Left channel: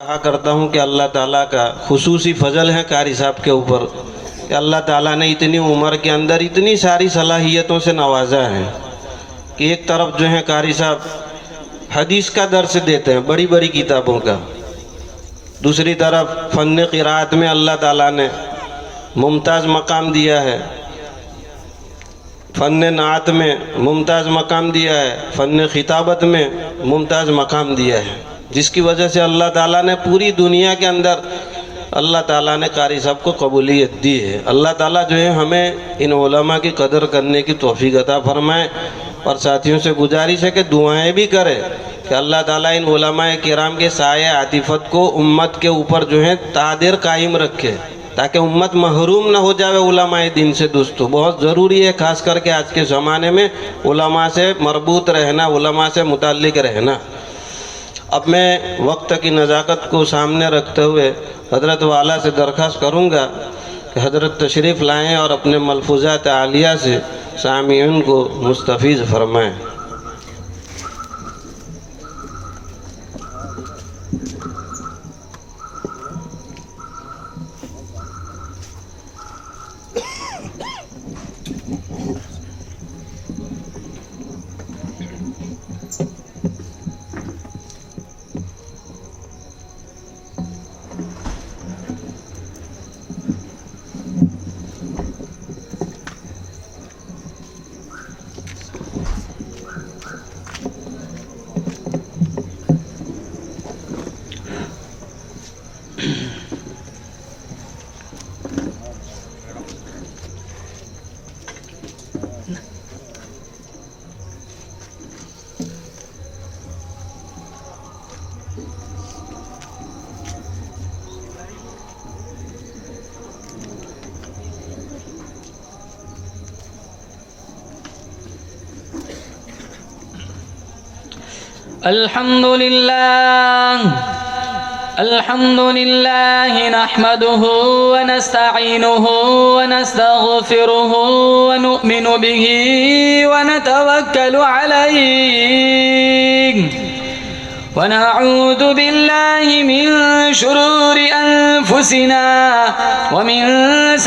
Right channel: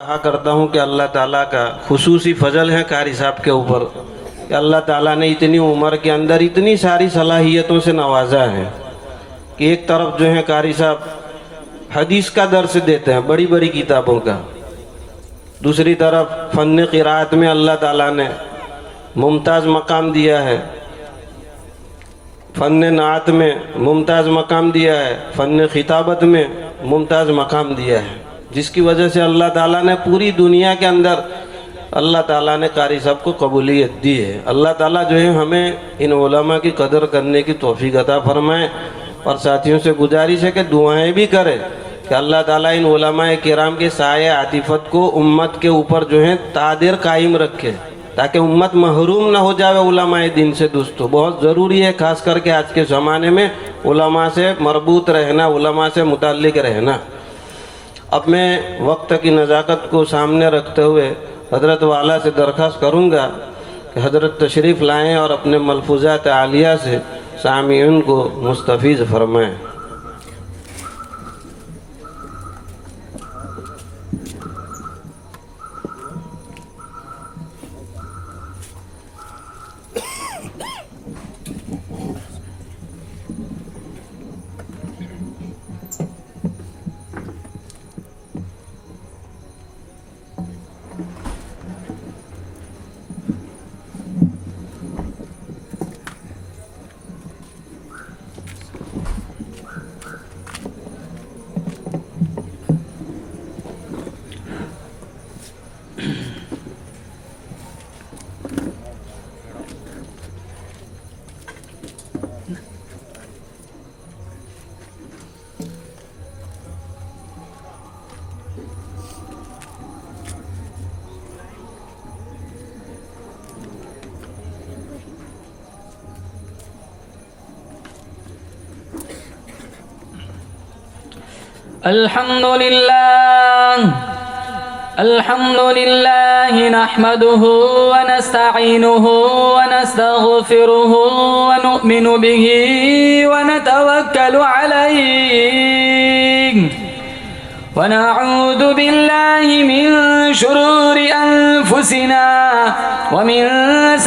कहा करता हूँ कि अल्लाह ताला का खुसूसी फजल है कारी साहब के ऊपर कि अल्लाह ताला ने इतनी उम्र के अंदर इतनी सारी सलाहियतों से नवाजा है कि एक तरफ जो है कारी साहब हदीस का दर्स देते हैं बड़ी बड़ी किताबों का, दूसरी तरफ फ़न क़िराअत में अल्लाह ताला ने मुमताज़ मकाम दिया है, फ़न नात में मुमताज़ मकाम दिया है, फ़न खिताबत में मुमताज़ मकाम दिया है, जिसकी वजह से अल्लाह ताला ने पूरी दुनिया के अंदर अल्लाह ताला ने कारी साहब को कबूलियत दी है। अल्लाह ताला जो है हमें इन उलमा की कदर करने की तौफीक अता फरमाए और साथियों से गुजारिश है कि दुआएं भी करें कि अल्लाह ताला इन उलमा किराम के साए आतिफत को उम्मत के ऊपर जो है तादिर कायम रखे ताकि उम्मत महरूम ना हो जाए उलमाए दिन से। दोस्तों बहुत ज़रूरी है ख़ास करके आज के ज़माने में उलमा से मरबूत रहना, उलमा से मुताल्लिक़ रहना। अब मैं वक्त की नज़ाकत को सामने रखते हुए हज़रत वाला से दरख्वास्त करूँगा कि हज़रत तशरीफ़ लाएँ और अपने मलफूज़ात आलिया से सामीन को मुस्तफ़ीज़ फरमाएँ। अल्हम्दुलिल्लाह नहमदुहु व नस्तईनुहु व नस्तगफिरुहु व नुमिनु बिही व नतवक्कलु अलैहि व नऊज़ु बिल्लाहि मिन शुरूरि अनफुसिना व मिन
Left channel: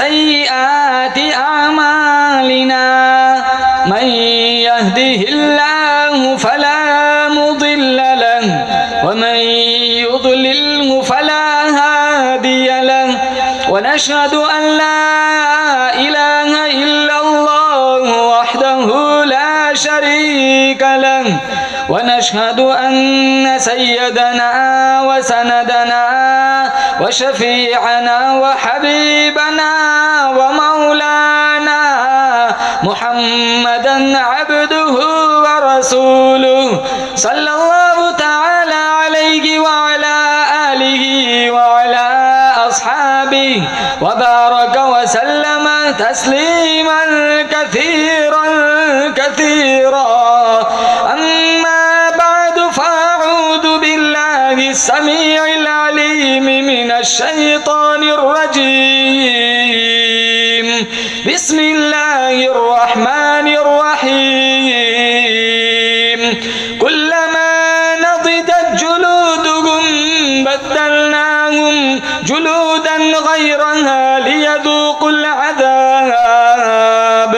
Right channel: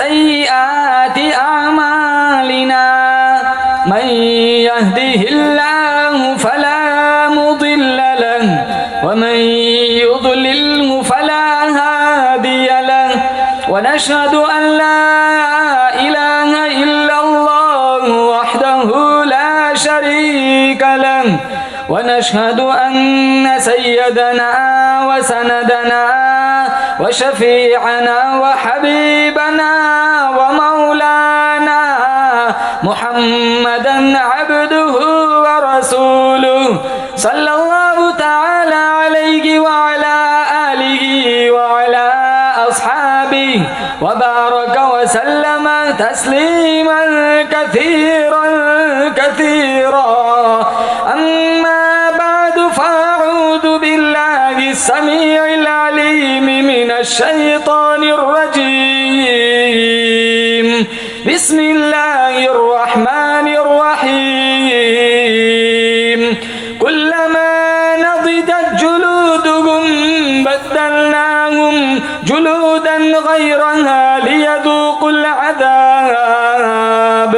सय्यिआति अमालिना मन यहदिहिल्लाहु फला मुदिल्ल लहु व मन युद्लिल्हु फला हादिय लहु व नशहदु अन ला इलाहा इल्लल्लाहु वहदहु ला शरीक लहु व नशहदु अन्न सय्यदना व सनदना व शफीअना व हबीबना व मौलाना मुहम्मदन अब्दुहु व रसूलुहु सल्लल्लाहु तआला अलैहि व अला आलिहि व अला अस्हाबिहि व बारक व सल्लम तस्लीमन कसीरन कसीरा। अम्मा बअदु फअऊज़ु बिल्लाहि अस्समीइल अलीम मिनश शैतानिर रजीम। बिस्मिल्लाहिर रहमानिर रहीम। कुल्लमा नज़िजत जुलूदुहुम बद्दलनाहुम जुलूदन गैरहा लियज़ूक़ुल अज़ाब।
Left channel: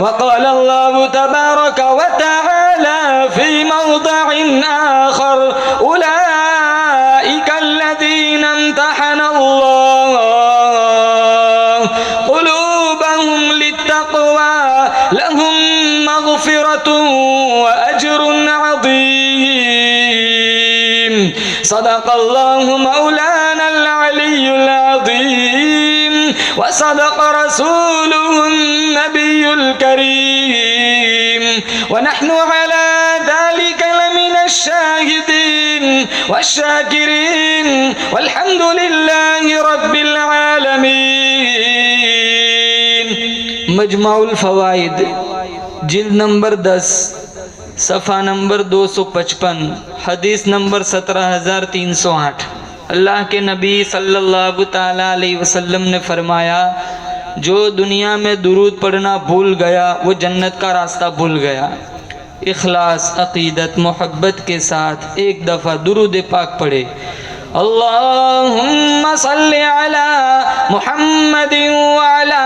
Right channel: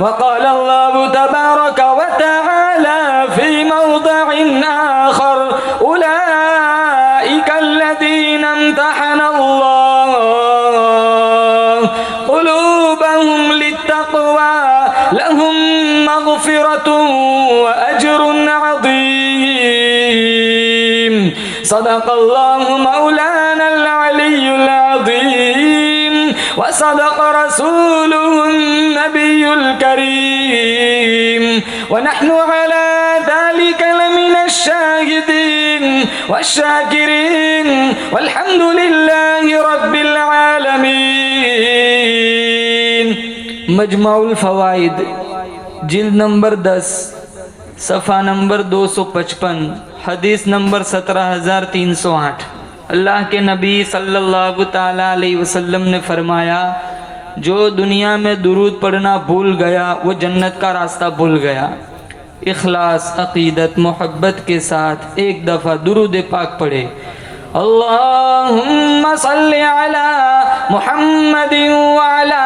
वक़ाल अल्लाहु तबारक व तआला फ़ी मौज़िइन आख़र उलाइका अल्लज़ीना इम्तहन अल्लाहु क़ुलूबहुम लित्तक़वा लहुम मग़फ़िरतुन व अज्रुन अज़ीम। सदक़ल्लाहु मौलानल अलियुल अज़ीम व सदक़ रसूलुहुन नबियुल करीम व नहनु अला ज़ालिका लमिनश शाहिदीन वश्शाकिरीन वल्हम्दुलिल्लाहि रब्बिल आलमीन। मजमाउल फ़वाइद जिल्द नंबर 10 सफ़ा नंबर 255 हदीस नंबर 17308। अल्लाह के नबी सल्लल्लाहु ताला अलैहि वसल्लम ने फरमाया, जो दुनिया में दुरूद पढ़ना भूल गया वो जन्नत का रास्ता भूल गया। इखलास, अक़ीदत, मोहब्बत के साथ एक दफ़ा दुरूद पाक पढ़े अल्लाहुम्मा सल्लि अला मुहम्मद व अला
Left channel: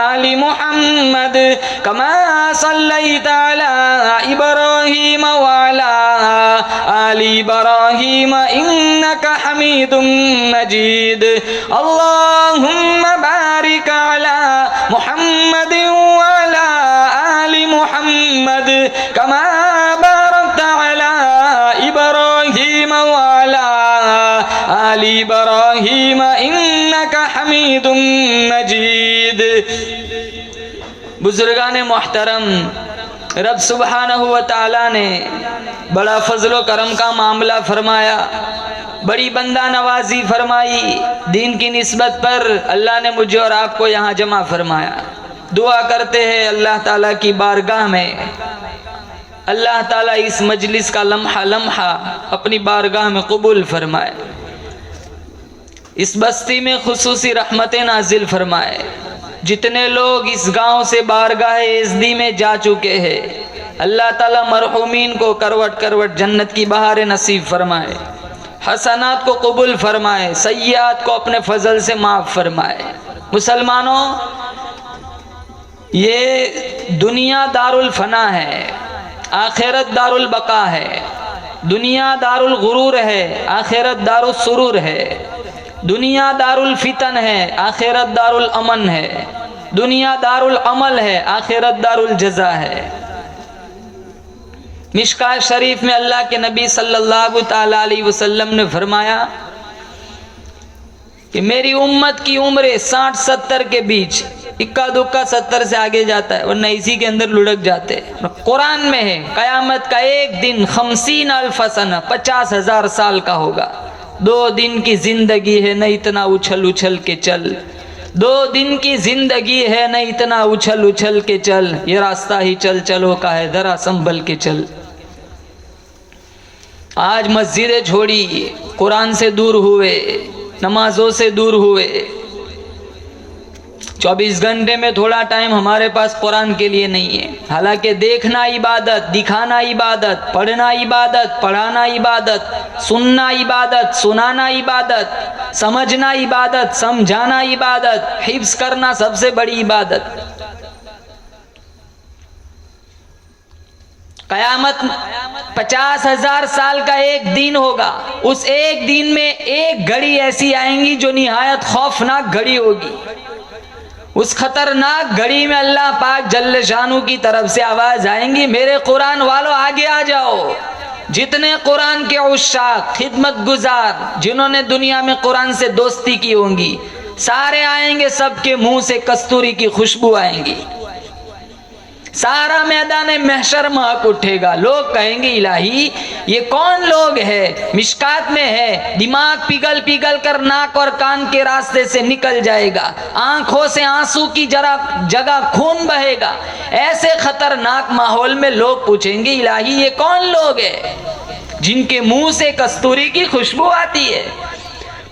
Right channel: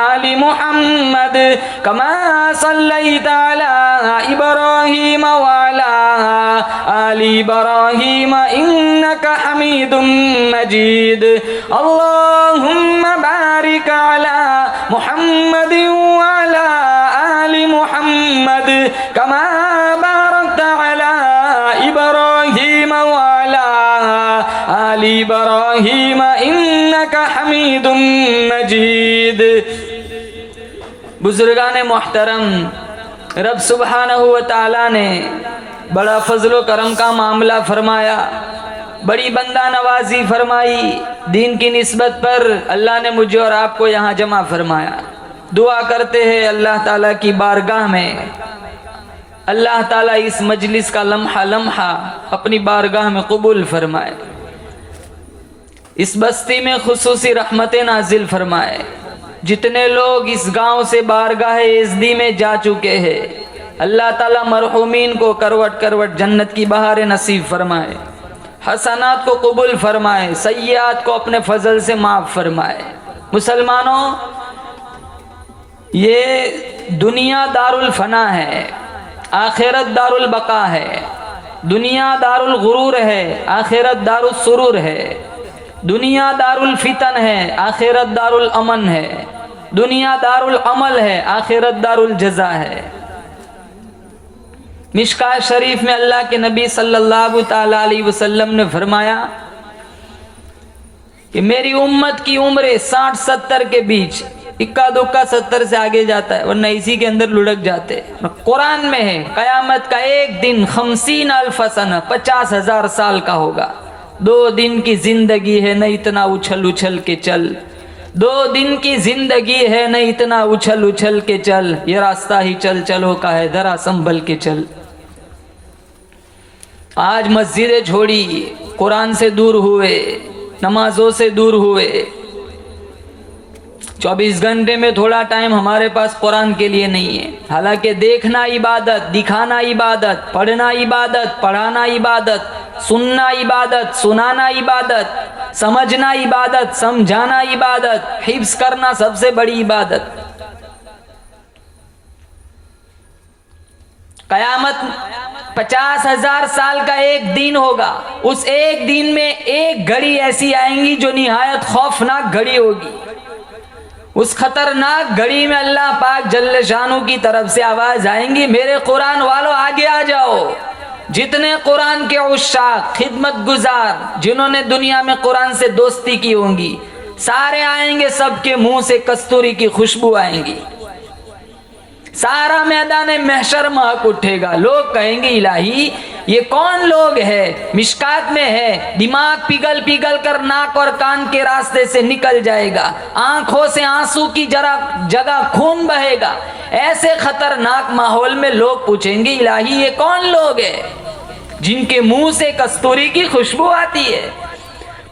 आलि मुहम्मद कमा सल्लैता अला इब्राहीम व अला आलि इब्राहीम इन्नका हमीदुम मजीद। अल्लाहुम्मा बारिक अला मुहम्मद व अला आलि मुहम्मद कमा बारकता अला इब्राहीम व अला आलि इब्राहीम इन्नका हमीदुम मजीद। बुजुर्गान मोहतरम, रब सुब्हानहू व तआला ने बड़ा फजलो करम का मामला फरमाया, बड़ी बंदा नवाजी फरमाई। दीन की निस्बत पर अल्लाह ने मुझे और आपको यहाँ जमा फरमाया। दुआ करते हैं अल्लाह ताला की बारगाह में, अल्लाह ताला इस मजलिस का लम्हा लम्हा अपनी बारगाह में कबूल फरमाए, इस बस्ती में खुसूसी रहमतें नाजिल फरमाए। जितने लोग इस गांव से बारगाह एज़दी में जा चुके हैं, अल्लाह ताला मरहूमीन को करवट करवट जन्नत की बहारें नसीब फरमाए, हसनात को कबूल फरमाए, सय्यात को अपने फजल से माफ़ फरमाए। मुसलमानों, ये दुनिया दारुल फना है, आखिरत दारुल बका है। दुनिया दारुल गुरूर है, आखिरत दारुल सुरूर है। दुनिया दारुल फितन है, आखिरत दारुल अमन है। दुनिया दारुल अमल है, आखिरत दारुल जज़ा है। मिशकात शरीफ में अल्लाह के नबी सल्लल्लाहु ताला अलैहि वसल्लम ने फरमाया कि मेरी उम्मत की उम्र 60-70 के बीच, इक्का दुक्का 70 से आगे जाता है वरना इसी के अंदर लुढ़क जाते हैं। कुरान में है कयामत का एक दिन 50,000 सना 50,000 साल का होगा। 2 दिन की जिंदगी है, न इतना उछल उछल के चल। 2 दिन की जिंदगी है, न इतना उछल उछल के चल। ये रास्ता ही चल चलो का है, जरा संभल के चल। आज मस्जिदें छोड़ी, कुरान से दूर हुए, नमाजों से दूर हुए। 24 घंटे में थोड़ा टाइम हमारे पास कुरान के लिए नहीं है। हालांकि देखना इबादत, दिखाना इबादत, पढ़ना इबादत, पढ़ाना इबादत, सुनना इबादत, सुनाना इबादत, समझना इबादत, समझाना इबादत, हिफ्ज करना सबसे बड़ी इबादत। कयामत 50,000 साल का एक दिन होगा। उस एक दिन में एक घड़ी ऐसी आएंगी जो निहायत खौफनाक घड़ी होगी। उस खतरनाक घड़ी में अल्लाह पाक जल्ले शानू की तरफ से आवाज आएंगी, मेरे कुरान वालों आगे आ जाओ। जितने कुरान के उस्ताद, खिदमत गुजार, जिन्होंने दुनिया में कुरान से दोस्ती की होंगी, सारे आएंगे। सबके मुंह से कस्तूरी की खुशबू आएंगी। सारा मैदान महशर महक उठेगा। लोग कहेंगे इलाही ये कौन लोग है? मिशकात में है, दिमाग पिघल पिघल कर नाक और कान के रास्ते से निकल जाएगा, आंखों से आंसू की जगह खून बहेगा। ऐसे खतरनाक माहौल में लोग पूछेंगे इलाही ये कौन लोग है जिनके मुंह से कस्तूरी की खुशबू आती है?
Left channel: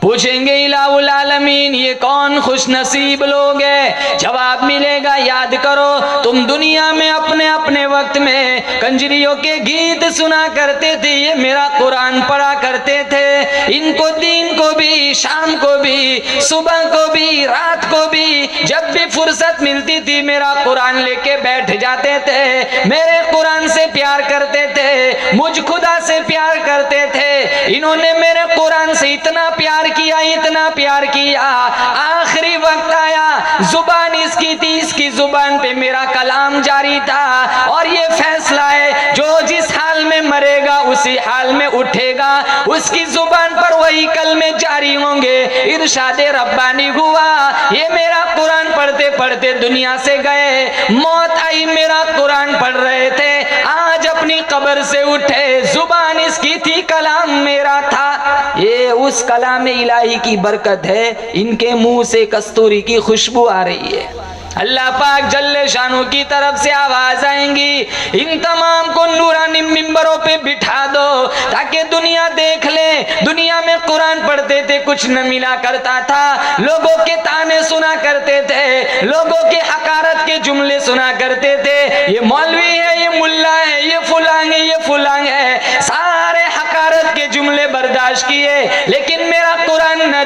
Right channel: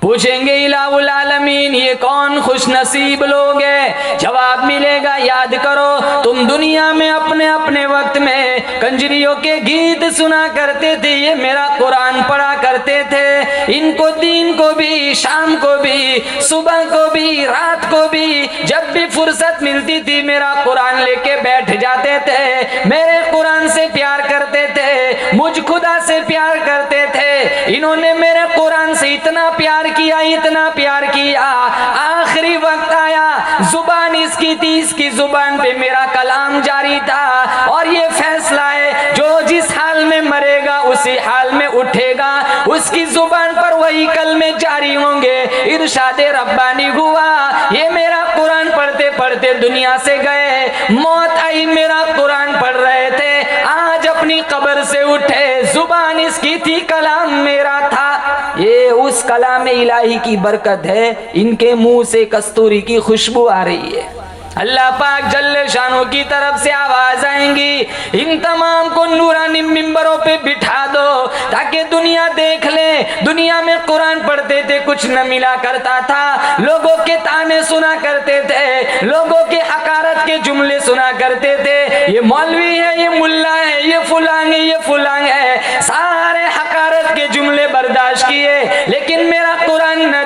पूछेंगे इलाहुल आलमीन ये कौन खुश नसीब लोग हैं? जवाब मिलेगा, याद करो तुम दुनिया में अपने अपने वक्त में कंजरियों के गीत सुना करते थे, ये मेरा कुरान पढ़ा करते थे। इनको दिन को भी, शाम को भी, सुबह को भी, रात को भी, जब भी फुर्सत मिलती थी मेरा कुरान लेके बैठ जाते थे। मेरे कुरान से प्यार करते थे, मुझ खुदा से प्यार करते थे। इन्होंने मेरे कुरान से इतना प्यार किया, इतना प्यार किया, आखिरी वक्त आया, जुबान इसकी थी, इसकी जुबान पे मेरा कलाम जारी था। और ये फैसला है जो जिस हाल में मरेगा उसी हाल में उठेगा, उसकी जुबान पर वही कलमे जारी होंगे। इरशादे रब्बानी हुआ, ये मेरा कुरान पढ़ते पढ़ते दुनिया से गए, मौत आई, मेरा कुरान पढ़ रहे थे, आज अपनी कब्र से उठे, जुबान इसकी थी, कलाम मेरा था। ये उस कलाम इलाही की बरकत है, इनके मुंह से कस्तूरी की खुशबू आ रही है। अल्लाह पाक जल्ले शानों की तरफ से आवाज आएंगी, इन तमाम को नूरानी मिंबरों पे बिठा दो ताकि दुनिया देख ले। दुनिया में कुरान पढ़ते थे, कुछ न मिला करता था, लोगों के ताने सुना करते थे, लोगों के हकारत के जुमले सुना करते थे। ये मौलवी है, ये मुल्ला है, ये फुलांग है, ये फुलांग है, सारे हकारत के जुमले बर्दाश्त किए। लेकिन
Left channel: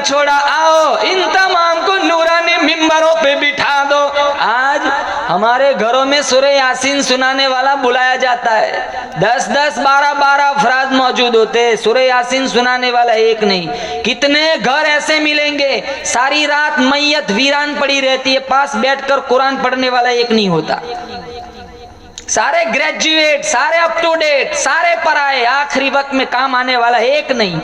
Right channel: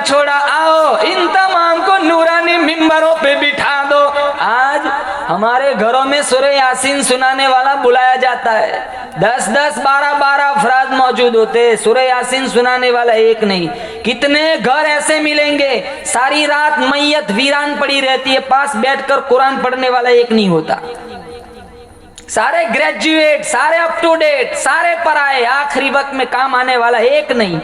छोड़ा, आओ इन तमाम को नूरानी मिंबरों पे बिठा दो। आज हमारे घरों में सूरह यासीन सुनाने वाला बुलाया जाता है, 10-10, 12-12 अफराद मौजूद होते हैं, सूरह यासीन सुनाने वाला एक नहीं। कितने घर ऐसे मिलेंगे सारी रात मैयत वीरान पड़ी रहती है, पास बैठकर कुरान पढ़ने वाला एक नहीं होता। सारे ग्रेजुएट, सारे अप टू डेट, सारे पढ़ाए, आखिरी वक्त में काम आने वाला एक नहीं।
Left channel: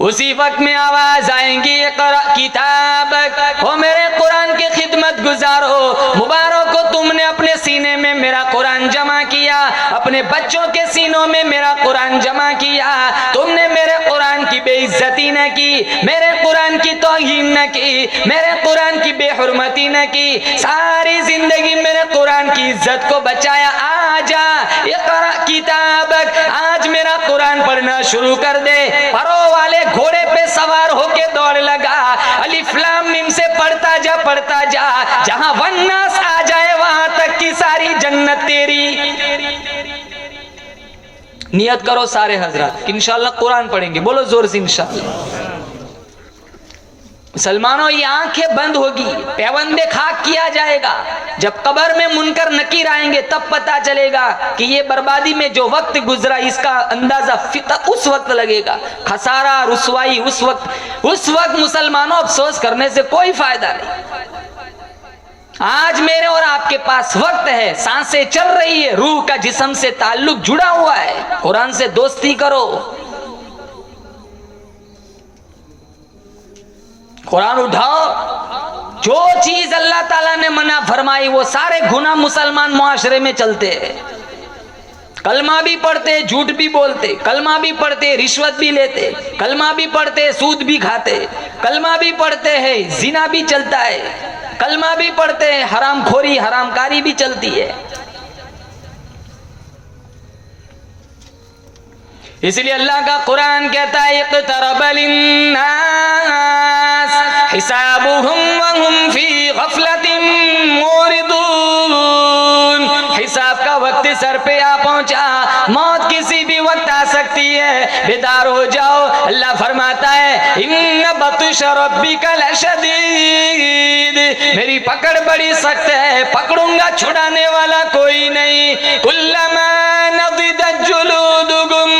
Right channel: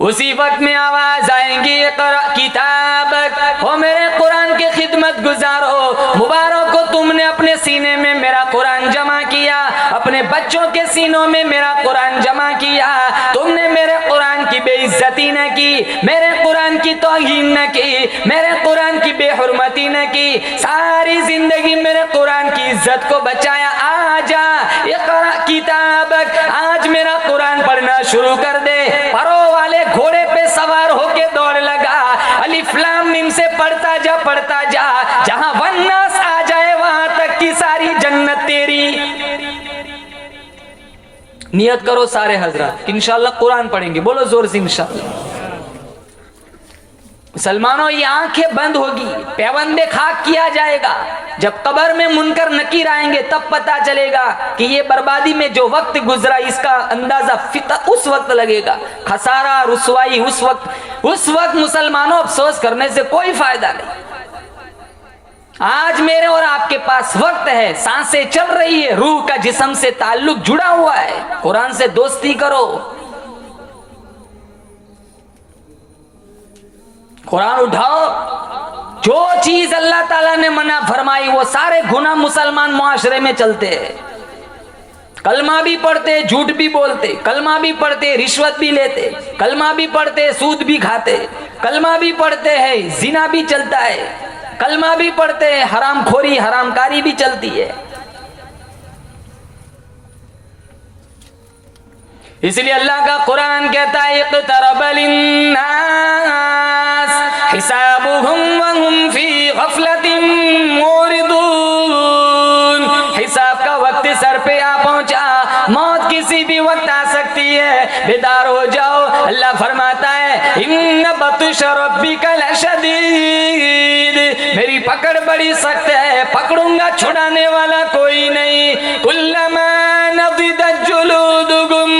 उसी वक्त में आवाज आएंगी, इक़रा किताबक, हो मेरे कुरान की खिदमत गुजार हो, मुबारक हो तुमने अपने सीने में मेरा कुरान जमा किया, अपने बच्चों के सीनों में मेरा कुरान जमा किया, तुमने मेरे कुरान की बेइज्जती न की, मेरे कुरान की तौहीन न की, मेरे कुरान की बेहुरमती न की, सारी जिंदगी मेरे कुरान की इज्जत को बचाया। आजा इक़रा किताबक, आज मेरा कुरान पढ़ना शुरू कर दे। परो वाले घोड़े पे सवार होके दौड़ लगा, अलिफ लाम मीम से पढ़ता जा, जहां वन्नास आ जाए वहां तक की सारी जन्नत तेरी। नियत करो सारे हजरत, इंशाअल्लाह कुरान पढ़ेंगे, बोलो जोर से इंशाअल्लाह। मुसलमानों, ये आंखें बंद होगी, पैबंदे खाक किया जाएगा। जब कब्र में मुनकर नकीर आएंगे तब पता चलेगा कि ये बर्बादी में जो वक्त गुजरा इसका अंदाजा उस वक्त लगेगा। खसारा, रुसवाई उस वक्त मुसलमानों, अफसोस करने से कोई फायदा नहीं। आज मेरे और आपके पास वक्त है, सांसें चल रही है, रूह का जिस्म से ताल्लुक जुड़ा हुआ है, कुरान से दोस्ती करो, कुरान उठाओ। जो चीज अल्लाह ताला ने मना फरमाई वो सारे गुनाह मुसलमान मुआशरे में चलते हैं। कलमा भी पढ़ते, झूठ भी बोलते, कलमा भी पढ़ते, रिश्वत भी लेते, कलमा भी पढ़ते, सूद भी खाते, कलमा भी पढ़ते हैं, जिना भी चलता है, कलमा भी पढ़ते हैं, हरामखोरी हरामकारी भी चलती है। इसलिए अल्लाह का कुरान कहता है, इक़्तरब लिन्नास हिसाबुहुम वहुम फी गफलतिन मुरिदून। हिसाब का वक्त सर पे आ पहुंचा, मौत किसी भी वक्त आ सकती है, बेदार हो जाओ। अल्लाह फरमाता है, इन्न बत्श रब्बिका लशदीद, मेरी पकड़ बड़ी सख्त है, पकड़ूंगा छुड़ाने वाला कोई नहीं। कुल्लमा नदिदत जुलूदुकुम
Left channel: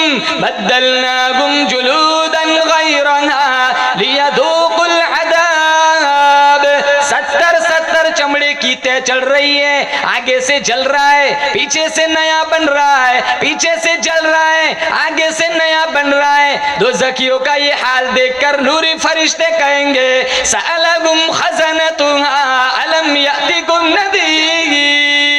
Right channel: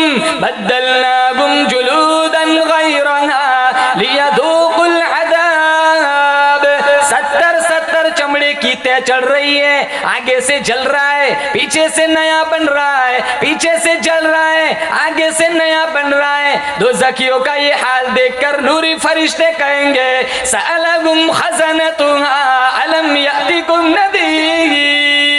बद्दलनाकुम जुलूदन गैरहा लियदूकुल अज़ाब। 70 चमड़े की तय चल रही है, आगे से जल रहा है, पीछे से नया बन रहा है, पीछे से जल रहा है, आगे से नया बन रहा है। दोज़खियों का ये हाल देखकर नूरी फरिश्ते कहेंगे, सअलहुम खज़नतुहा अलम यातिकुम नज़ीर।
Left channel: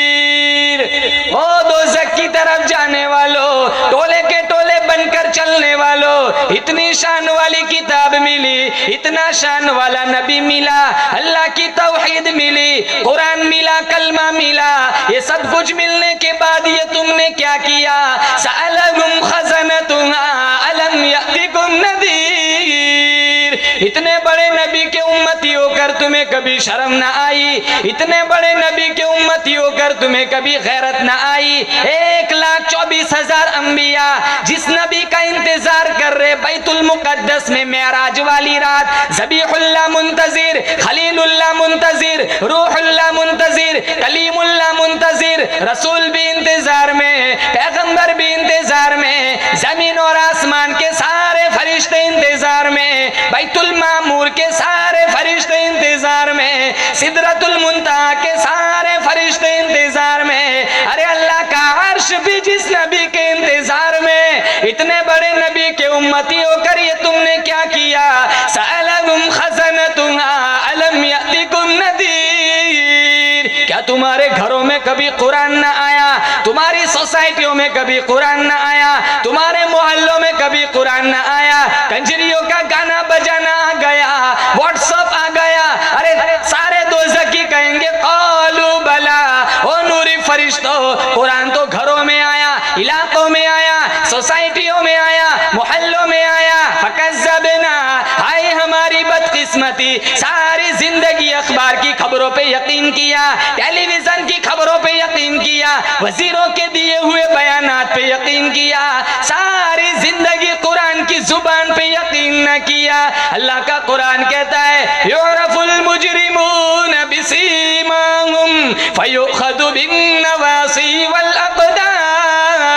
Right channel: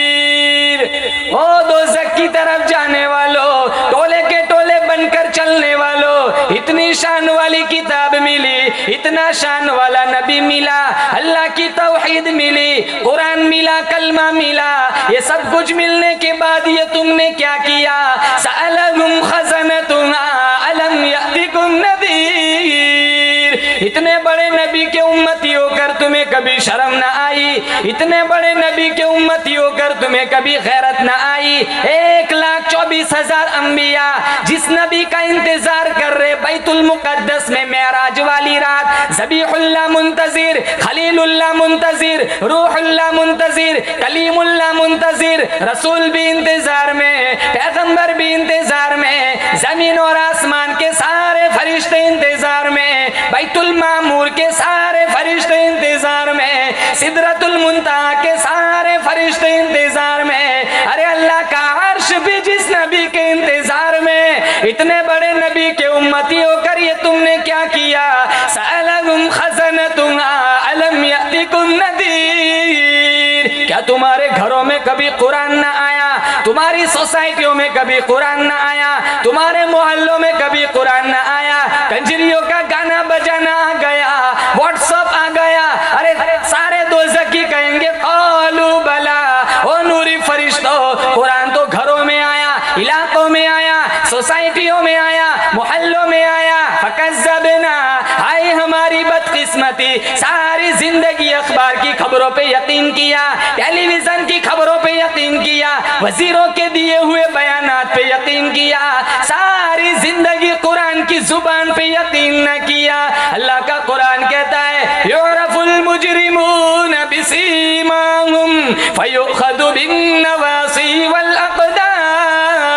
ओ दोज़ख की तरफ जाने वालों, टोले के टोले बनकर चलने वालों, इतनी शान वाली किताब मिली, इतना शान वाला नबी मिला, अल्लाह की तौहीद मिली, कुरान मिला, कलमा मिला, ये सब कुछ मिलने के बाद ये तुमने क्या किया? सअलहुम खज़नतुहा अलम यातिकुम नज़ीर। इतने बड़े नबी के उम्मती होकर तुम्हें कभी शर्म ना आई, इतने बड़े नबी के उम्मती होकर तुम्हें कभी गैरत ना आई। 1,24,000 अंबिया जिस नबी का इंतजार कर रहे बैतुल मुकद्दस में मेराज वाली रात, ज़बीहुल्लाह मुंतज़िर, खलीलुल्लाह मुंतज़िर, रूहुल्लाह मुंतज़िर, कलीमुल्लाह मुंतज़िर, रसूल भी इंतजार में, पैगंबर भी इंतजार में, जमीन और आसमान के सारे फरिश्ते इंतजार में, बैतुल मामूर के सारे फरिश्ते इंतजार में, सिदरतुल मुंतहा के सारे फरिश्ते इंतजार में। अरे अल्लाह का अर्श भी जिस नबी के इंतजार में, इतने बड़े नबी के उम्मती होकर ये तुमने क्या किया? सअलहुम खज़नतुहा अलम यातिकुम नज़ीर। क्या तुम्हारे घरों में कभी कुरान न आया? तुम्हारी सोसाइटियों में कभी कुरान न आया? तुम्हारे मोहल्लों में कभी कुरान न आया? कंजरियों का गाना बजाना आ गया, व्हाट्सएप आ गया, अरे सारे दोज़खी कहेंगे क़ालू बला। ओ नूरी फरिश्तों, कुरान तो घरों में आया, इलाकों में आया, सोसाइटियों में आया, मोहल्लों में आया, फकज़्ज़बना, हाय हमारी बदकिस्मती, सारी जिंदगी अखबार की खबरों पे यकीन किया, टेलीविजन की खबरों पे यकीन किया, वजीरों के दिए हुए बयानात पे यकीन किया, सारी जिंदगी कुरान की जुबान पे यकीन न किया। अल्लाह का कुरान कहता है युरफुल मुजरिमून बिसीमाहुम फयुखदु बिन्नवासी वल अक़दाम।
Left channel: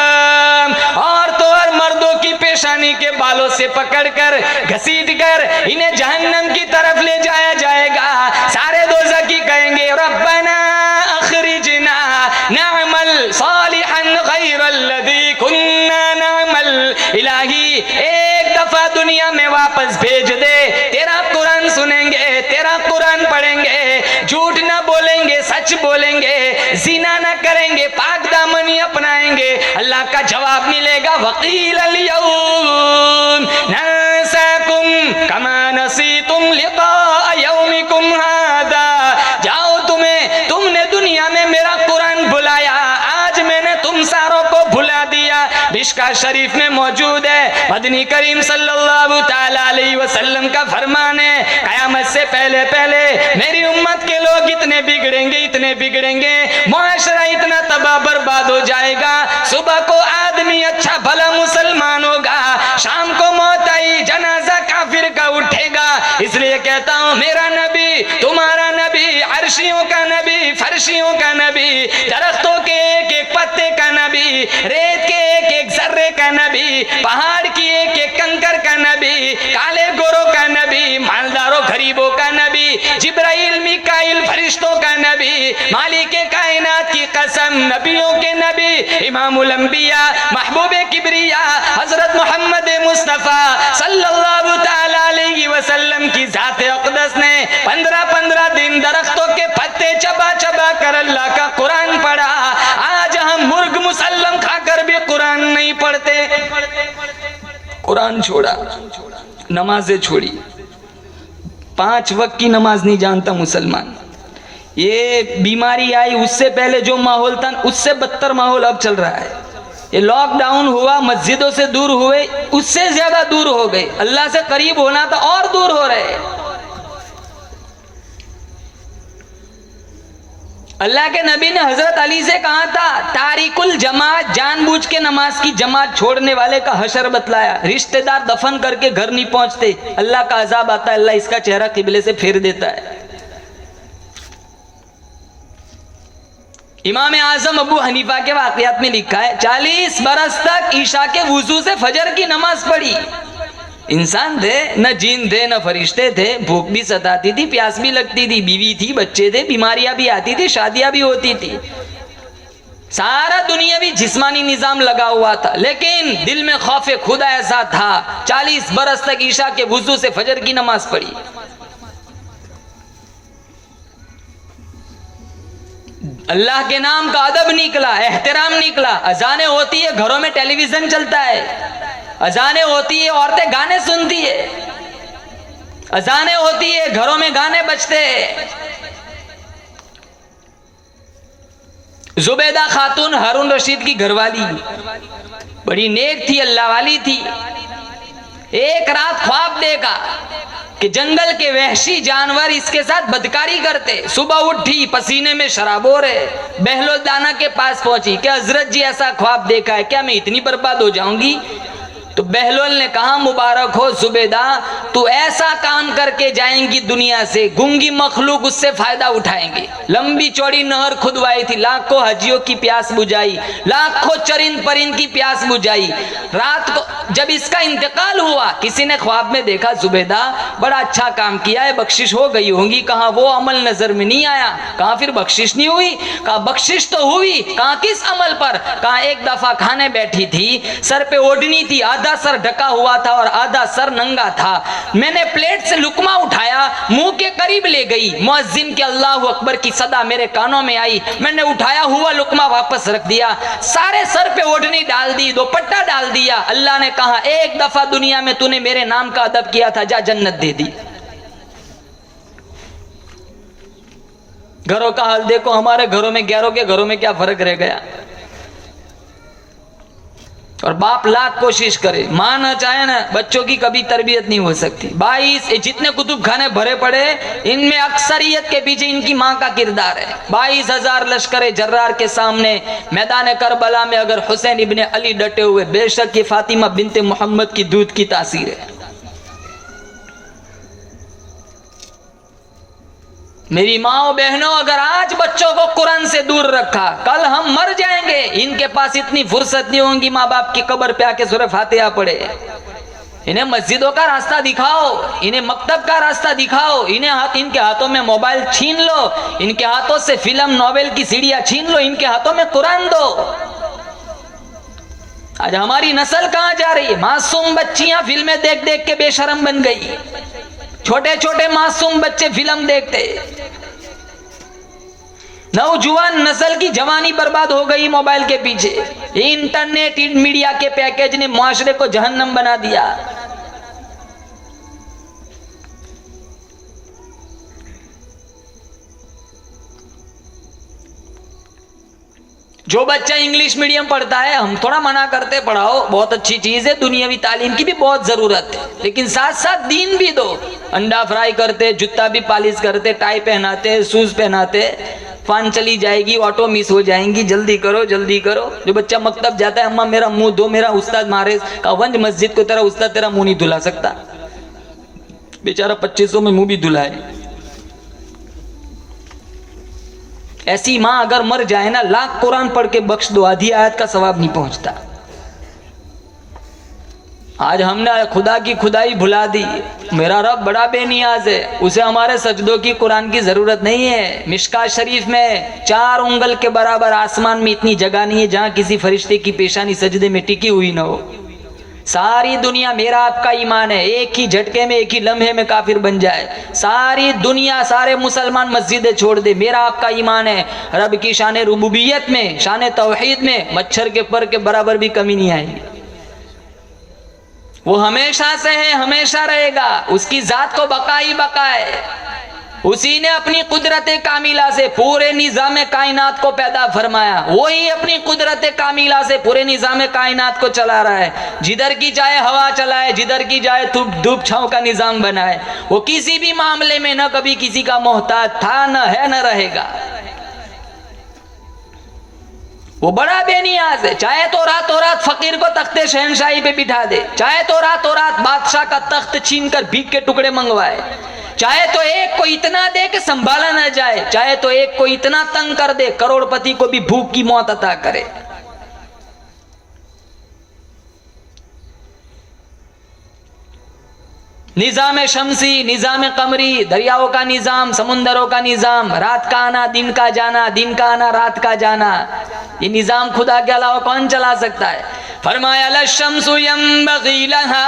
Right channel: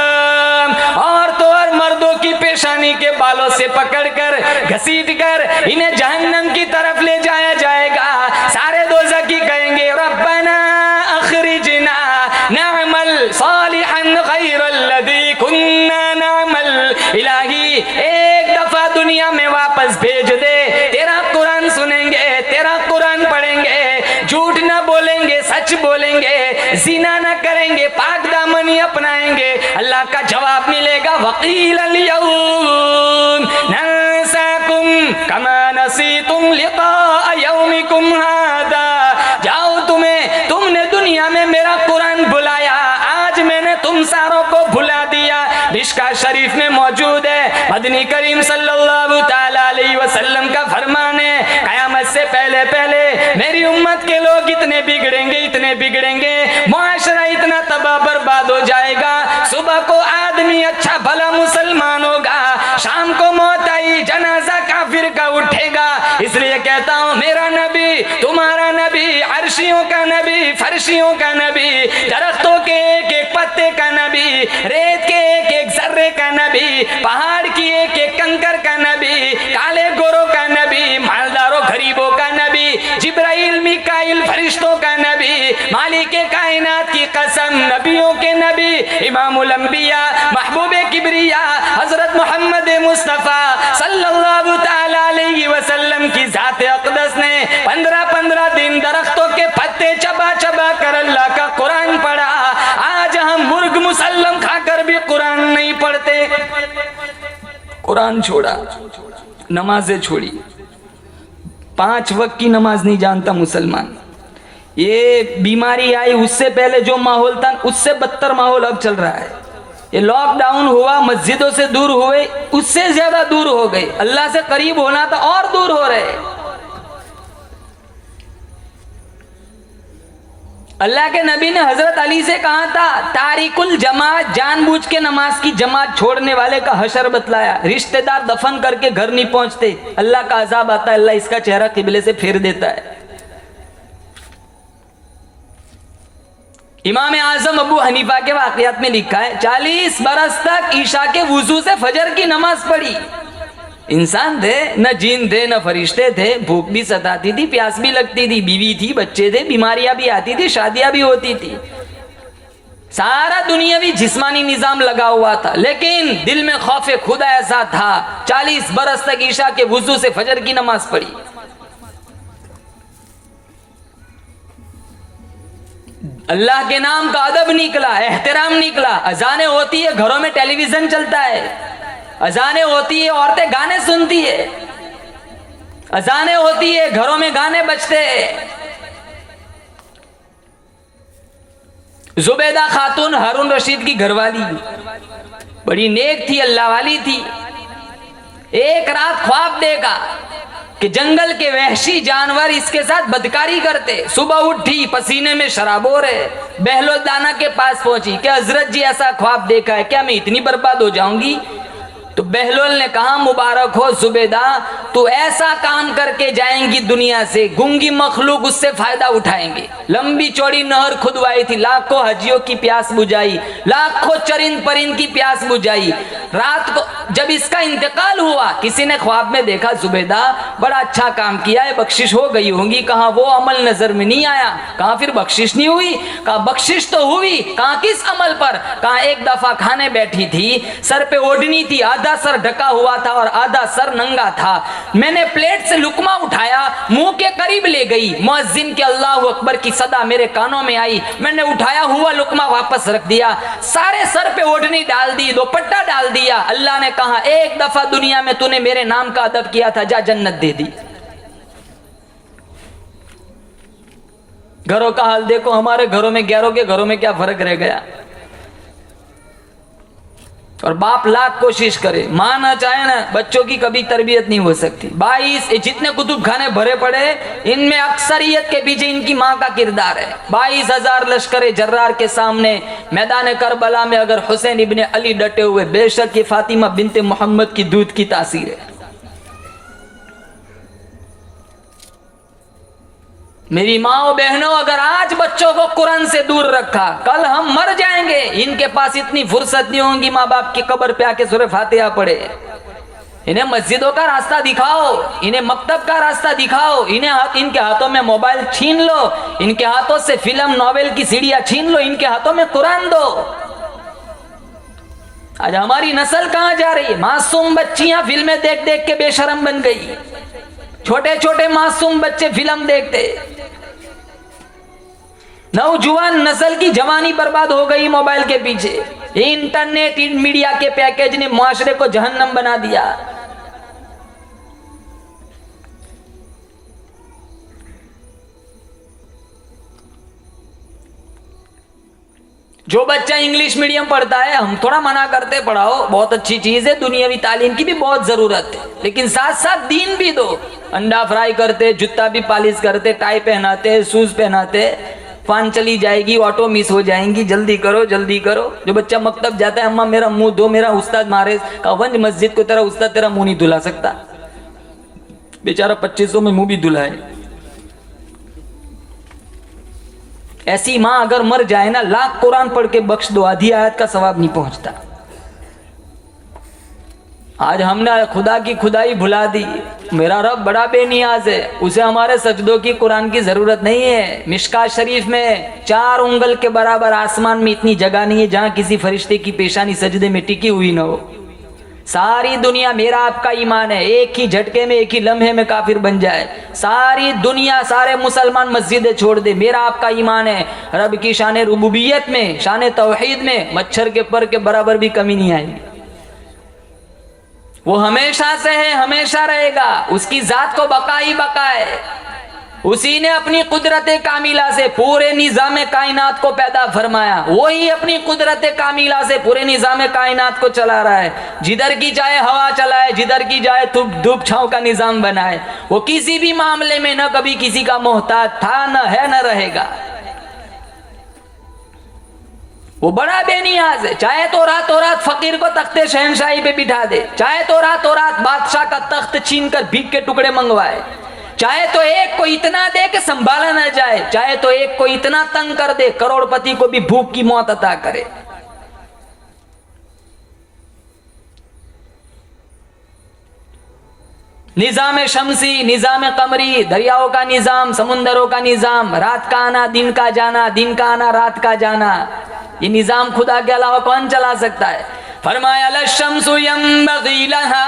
औरतों और मर्दों की पेशानी के बालों से पकड़कर घसीटकर इन्हें जहन्नम की तरफ ले जाया जाएगा। सारे दोज़खी कहेंगे रब्बना अखरिजना नअमल सालिहन गैरल्लज़ी कुन्ना नअमल। इलाही एक दफा दुनिया में वापस भेज दे, तेरा कुरान सुनेंगे, तेरा कुरान पढ़ेंगे, झूठ ना बोलेंगे, सच बोलेंगे, ज़िना ना करेंगे, पाक दामनी अपनाएंगे। अल्लाह का जवाब मिलेगा वकील यौम नंसाकुम कमा नसीतुम लिका यौमिकुम हादा। जाओ तुमने दुनिया में मेरा कुरान भुलाया, आज मैंने तुम सारों को भुला दिया। मिशका शरीफ में मौजूद है, मदनी करीम सल्लल्लाहु ताला अलैहि वसल्लम का फरमान है, कयामत से पहले पहले मेरी उम्मत के लोग इतने बिगड़ेंगे, मुआशरा इतना तबाह बर्बाद हो जाएगा। सुबह को आदमी अच्छा भला मुसलमान होगा, शाम को मौत आई जनाजा काफिर का उठेगा। इसलिए कहता हूँ मेरा नबी, तुम्हारा नबी, अर्शियों का नबी, फर्शियों का नबी, दरख्तों के एक एक पत्ते का नबी, रेत के एक एक जर्रे का नबी, पहाड़ की एक एक कंकर का नबी, काले गोरों का नबी, मालदारों गरीबों का नबी, जिब्राइल मिकाइल फरिश्तों का नबी, मालिक कायनात की कसम नबियों के नबी, इमामुल अंबिया महबूबे किबरिया हजरत मोहम्मद मुस्तफ़ा सल्लल्लाहु ताला अलैहि वसल्लम की जाते अक़दस ने 15-15 दिन दरख्तों के पत्ते चबा चबा कर अल्लाह का कुरान पढ़ा। आज हम मुर्ग मुसल्लम खाकर भी कुरान नहीं पढ़ते। कुरान छोड़ा, नमाजें छोड़ी, 5 वक्त की नमाज नहीं जानता मुसलमान। ये बीमारी आई उससे पहले जो माहौल था उससे बदतर माहौल अब चल रहा है। ये लॉकडाउन हुआ, मस्जिदों से दूर हुए, उससे ज्यादा दूर हो गए। अल्लाह से करीब होना था और दूर हो रहे। अल्लाह के नबी ने हजरत अली से कहा था तारिकुल जमात, जानबूझ के नमाज की जमात छोड़ने वाले का हशर बतलाया। रिश्तेदार दफन करके घर नहीं पहुंचते, अल्लाह का अजाब आता है, अल्लाह इसका चेहरा किबले से फेर देता है। इमाम आजम अबू हनीफा के वाकयात में लिखा है 40 बरस तक ईशा के वुजू से फजर की नमाज पढ़ी। इंसान थे, न जिन थे न फरिश्ते थे, भूख भी सताती थी, प्यास भी लगती थी, बीवी थी, बच्चे थे, बीमारियां भी आती थी, शादियां भी होती थी, सारा दुनियावी जिस्मानी निजाम लगा हुआ था, लेकिन दिल में खौफे खुदा ऐसा था। 40 बरस तक ईशा के वुजू से फजर की नमाज पढ़ी। अल्लाह के नाम का अदब निकला, एहतराम निकला। अजाने होती है, घरों में टेलीविजन चलता है, अजाने होती है, औरतें गाने सुनती है, अजाने होती है, घरों में गाने बजते हैं। जुबैदा खातून हारून रशीद की घरवाली बड़ी नेक थी, अल्लाह वाली थी। एक रात ख्वाब देखा कि जंगल के वहशी जानवर इसके साथ बदकारी करते। सुबह उठी, पसीने में शराबोर है, बहलोल दाना के पास पहुंची कि हजरत जी ऐसा ख्वाब देखा है, क्या मैं इतनी बर्बाद हो जाऊंगी? तो बहलोल ने कहा मुबारक हो जुबैदा, तू ऐसा काम करके जाएंगी दुनिया से, गूंगी मखलूक उससे फायदा उठाएंगे। लंबी चौड़ी नहर खुदवाई थी, लाखों हजियों की प्यास बुझाई, लाखों चरिंद परिंद की प्यास बुझाई। रात को जब इसका इंतकाल हुआ, किसी ने ख्वाब में देखा जुबैदा बड़ा अच्छा काम किया है, बख्शिश हो गई होंगी। कहा वो अमल नजर में नहीं आया। कहा फिर बख्शिश नहीं हुई? कहा बख्शिश तो हुई। कहा किस अमल पर? कहा एक दफा खाने बैठी थी, सर पे ओढ़नी थी, आधा सर ढका हुआ था और आधा सर नंगा था। मैंने प्लेट से लुकमा उठाया, मुंह के करीब ले गई, मुअज्जिन के अल्लाह अकबर की सदा मेरे कानों में आई, मैंने उठाया हुआ लुकमा वापस रख दिया, सारे सर पे ओढ़नी डाल दी, दुपट्टा डाल दिया। अल्लाह ने कहा एक दफा दुनिया में तूने मेरे नाम का अदब किया था, जा जन्नत दे दी। घरों का हाल देखो, हमारे घरों में गैरों के घरों में क्या फर्क रह गया। और बाप लाख कोशिश करे, माँ ना चाहे ना, बच्चों की कभी तरबियत नहीं हो सकती। 22 जितने कुतुब खाने भरे पड़े, इनमें अक्सरियत के पीछे इनकी माँ का किरदार है। 22,000 लश्कर जर्रार के सामने मैदान करबला में अगर हुसैन इब्ने अली डटे हुए, बेशक ये फातिमा बिनते मोहम्मद की दूध की तासीर है। मेरी माओ बहनों, अगर आज बच्चों को कुरान से दूर रखा, कल हम मर जाएंगे। इनके पास इतनी फुर्सत नहीं होगी माँ बाप की कब्र पे आके सूरह फातिहा पढ़े। इन्हें मस्जिदों का रास्ता दिखाओ, इन्हें मकतब का रास्ता दिखाओ, इनके हाथों में मोबाइल छीन लो, इनके हाथों से फिल्म नॉवेल की सीढ़ियां छीन लो, इनके हाथों में कुरान दो। आज हमारी नस्ल कहां जा रही है? मासूम बच्चियां फिल्में देख देख के बेशरम बन गई। छोटे छोटे मासूम बच्चे फिल्म देखते, नौजवान नस्ल की जवानी बर्बाद हो गई मोबाइल के पीछे। इंटरनेट मीडिया के पैकेज ने मुआशरे को जहन्नम बना दिया। जो बच्चा इंग्लिश मीडियम पढ़ता है, हम थोड़ा मना करते पढ़ाओ, बहुत अच्छी चीज है, दुनियावी तालीम की भी बहुत जरूरत है, लेकिन साथ साथ दीन भी दो। अंडा फ्राई करते, जूता भी पॉलिश करते, टाई पहनाते, शूज पहनाते, फान चली जाएगी, ऑटो मिस हो जाएंगी, जल्दी करो जल्दी करो। जो बच्चा मकतब जाता है, अम्मा मेरा मुंह धो, मेरा उस्ताद मारे, वंज मस्जिद को तेरा उस्ताद तेरा मुंह नहीं धुला सकता, बेचारा 2500 में मुंह भी धुलाए। ऐसी मां अगर मर जाए ना, लाख कुरान पढ़ के बख्श दो, आधी आयत का सवाब नहीं पहुंचता। आज हमने खुदा की खुदाई भुला दी। मेरा रब बड़ा बेनियाज है, उसे हमारे सजदों की कुरान की जरूरत नहीं है। मिशकात शरीफ में 4 उंगल के बराबर आसमान में इतनी जगह नहीं है जहां किसी फरिश्ते की पेशानी सजदे में टिकी हुई न हो। सारी दुनिया, मेरा आपका ईमान है, एक ही झटके में, एक ही लम्हे में काफिर बन जाए। सारी दुनिया, सारे मुसलमान मस्जिदें छोड़ दे, मेरा आपका ईमान है, रब की शान रुबूबियत में, शान तौहीद में मच्छर के पर के बराबर भी कमी नहीं आएगी। वो हमेशा से है, हमेशा रहेगा, उसकी जात को बका ही बका है। उसी ने अपनी कुदरत कामिला से पूरे निजाम कायनात को पैदा फरमाया, वही अपनी कुदरत कामिला से पूरे निजाम कायनात को चला रहा है। जिधर की चाहे हवा चलाए, जिधर की जाए धूप छांव का निजाम बनाए। वो किसी भी मामले में न कभी किसी का मोहताज था, न है, न रहेगा। वो बड़ा बेनियाज है, चाहे तो रात फकीर को तख्ते शहनशाही पे बिठा दे, चाहे तो रात बादशाह का तख्त छीन कर भीख के टुकड़े मंगवाए, चाहे तो एक को इतना दे कि संभाला न जाए, चाहे तो एक को इतना तंग कर दे करोड़पति को भी भूख की मौत अता करे। निजाम शमसी, निजाम कमरी, दरियाओं का निजाम, समुंदरों का निजाम, रात का आना दिन का जाना, दिन का आना रात का जाना, ये निजाम खुदा के अलावा कौन चला सकता है? फरमाया लशम्सु यंबगी लहा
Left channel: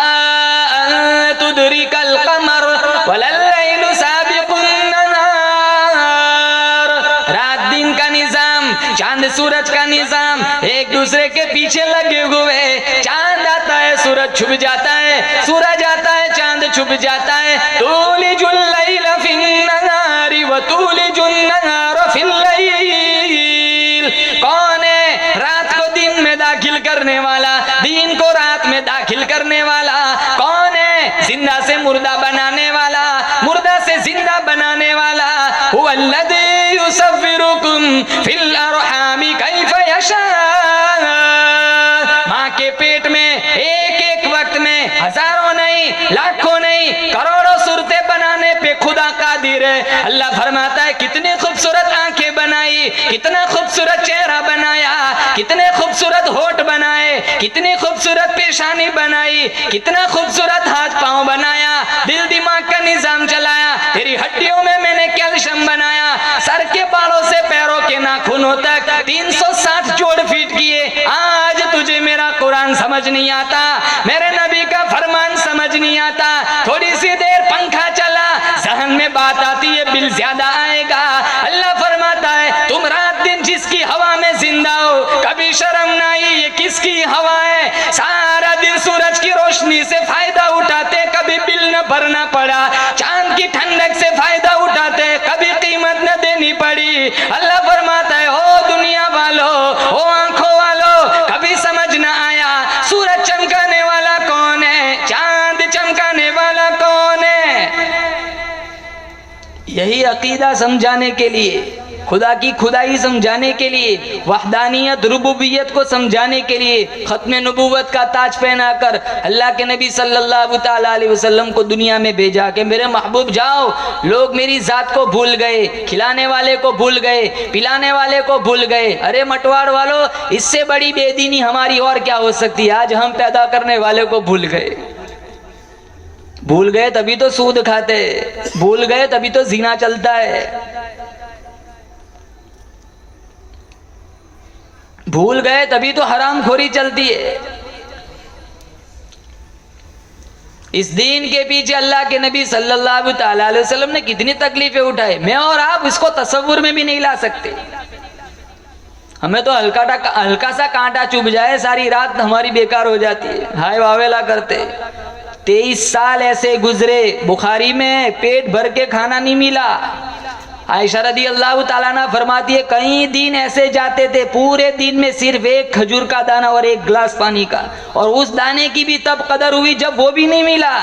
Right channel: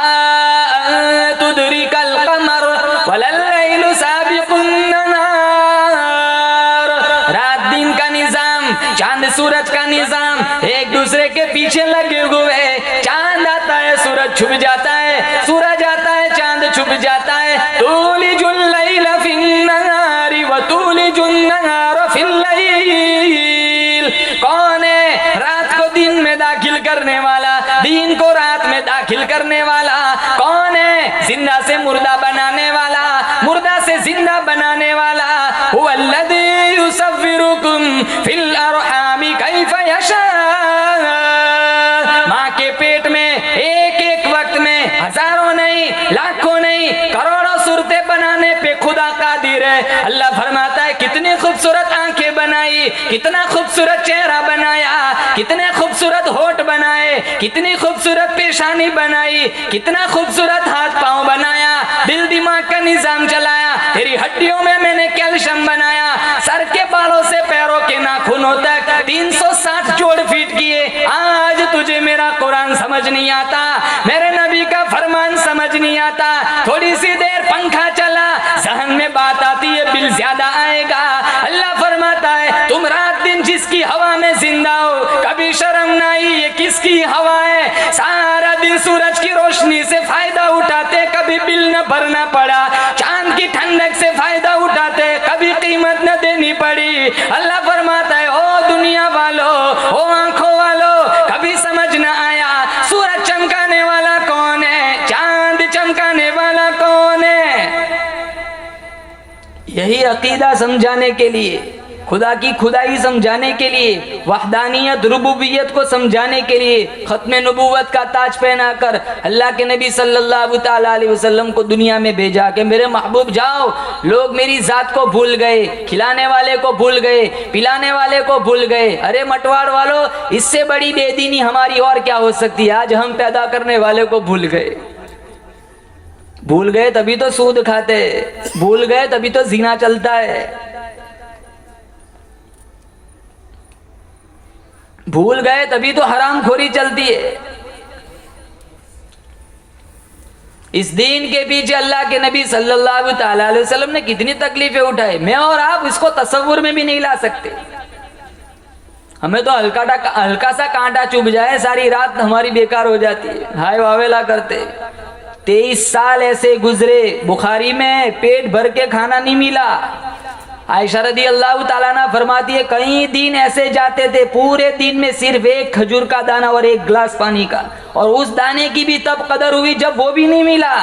अन तुदरिकल कमर वलल्लैलु साबिकुन नहार। रात दिन का निजाम, चांद सूरज का निजाम एक दूसरे के पीछे लगे हुए। चांद आता है, सूरज छुप जाता है, सूरज आता है, चांद छुप जाता है। तूलिजुल लैला फिन नहारी व तूलिजुन नहार फिल लैल। कौन है रात को दिन में दाखिल करने वाला, दिन को रात में दाखिल करने वाला? कौन है जिंदा से मुर्दा बनाने वाला, मुर्दा से जिंदा बनाने वाला? हुवल्लज़ी युसव्विरुकुम फिल अरहामी कैफ यशा। माँ के पेट में एक एक वक्त में हजारों नहीं, लाखों नहीं, करोड़ों सूरतें बनाने पे खुदा कादिर है। अल्लाह फरमाता है कितनी खूबसूरत आंखें बनाई, कितना खूबसूरत चेहरा बनाया, कितने खूबसूरत होठ बनाए, कितनी खूबसूरत पेशानी बनाई, कितना खूबसूरत हाथ पांव बनाया, दिल दिमाग का निजाम चलाया। तेरी हड्डियों में मैंने कैल्शियम बनाया, सर के बालों से पैरों के नाखूनों तक 360 जोड़ फिट किए। आज तुझे मेरा कुरान समझ नहीं आता, मेरे नबी का फरमान समझ नहीं आता। थोड़ी सी देर पंखा चला, जहन में बात आती है, बिल ज्यादा आएगा। अल्लाह फरमाता है तुम रात दिन जिसकी हवा में जिंदा हो, कभी शर्म नहीं, ये किसकी हवा है? सारा दिन सूरज की रोशनी से फायदा उठाते, कभी बिल न भरना पड़ा। चांद की ठंडक से फायदा उठाते, कभी कीमत न देनी पड़ी। अल्लाह फरमाता है ओ दुनिया वालों, ओ आंखों वालों, कभी समझ न आया यही अकीदा समझाने के लिए, खुदा की खुदाई समझाने के लिए, वहदानियत रुबूबियत को समझाने के लिए खत्म नबूवत का ताज पहनाकर अल्लाह के नबी सल्लल्लाहु ताला अलैहि वसल्लम को दुनिया में भेजा कि मेरे महबूब जाओ, लोग मेरी जात को भूल गए, खिलाने वाले को भूल गए, पिलाने वाले को भूल गए। अरे मटवाड़ वालों, इससे बड़ी बेदीनी हमारी और क्या हो सकती है। आज हम पैदा करने वाले को भूल गए। भूल गए तभी तो सूद खाते, भूल गए तभी तो जीना चलता है, भूल गए तभी तो हरामखोरी चलती है। इस दीन के पीछे अल्लाह के नबी सल्लल्लाहु ताला अलैहि वसल्लम ने कितनी तकलीफें उठाई, मैं और आप इसको तसव्वुर में भी नहीं ला सकते। हमें तो हल्का सा कांटा चुभ जाए सारी रात हमारी बेकार हो जाती है, हाय वावेला करते। 23 साल ऐसे गुजरे, बुखारी में पेट भर के खाना नहीं मिला। आयशा रदी अल्लाह ताला अन्हा फरमाती है कई दिन ऐसे जाते थे पूरे दिन में सिर्फ एक खजूर का दाना और एक गिलास पानी का, और उस दाने की भी तब कदर हुई जब वो भी नहीं मिला।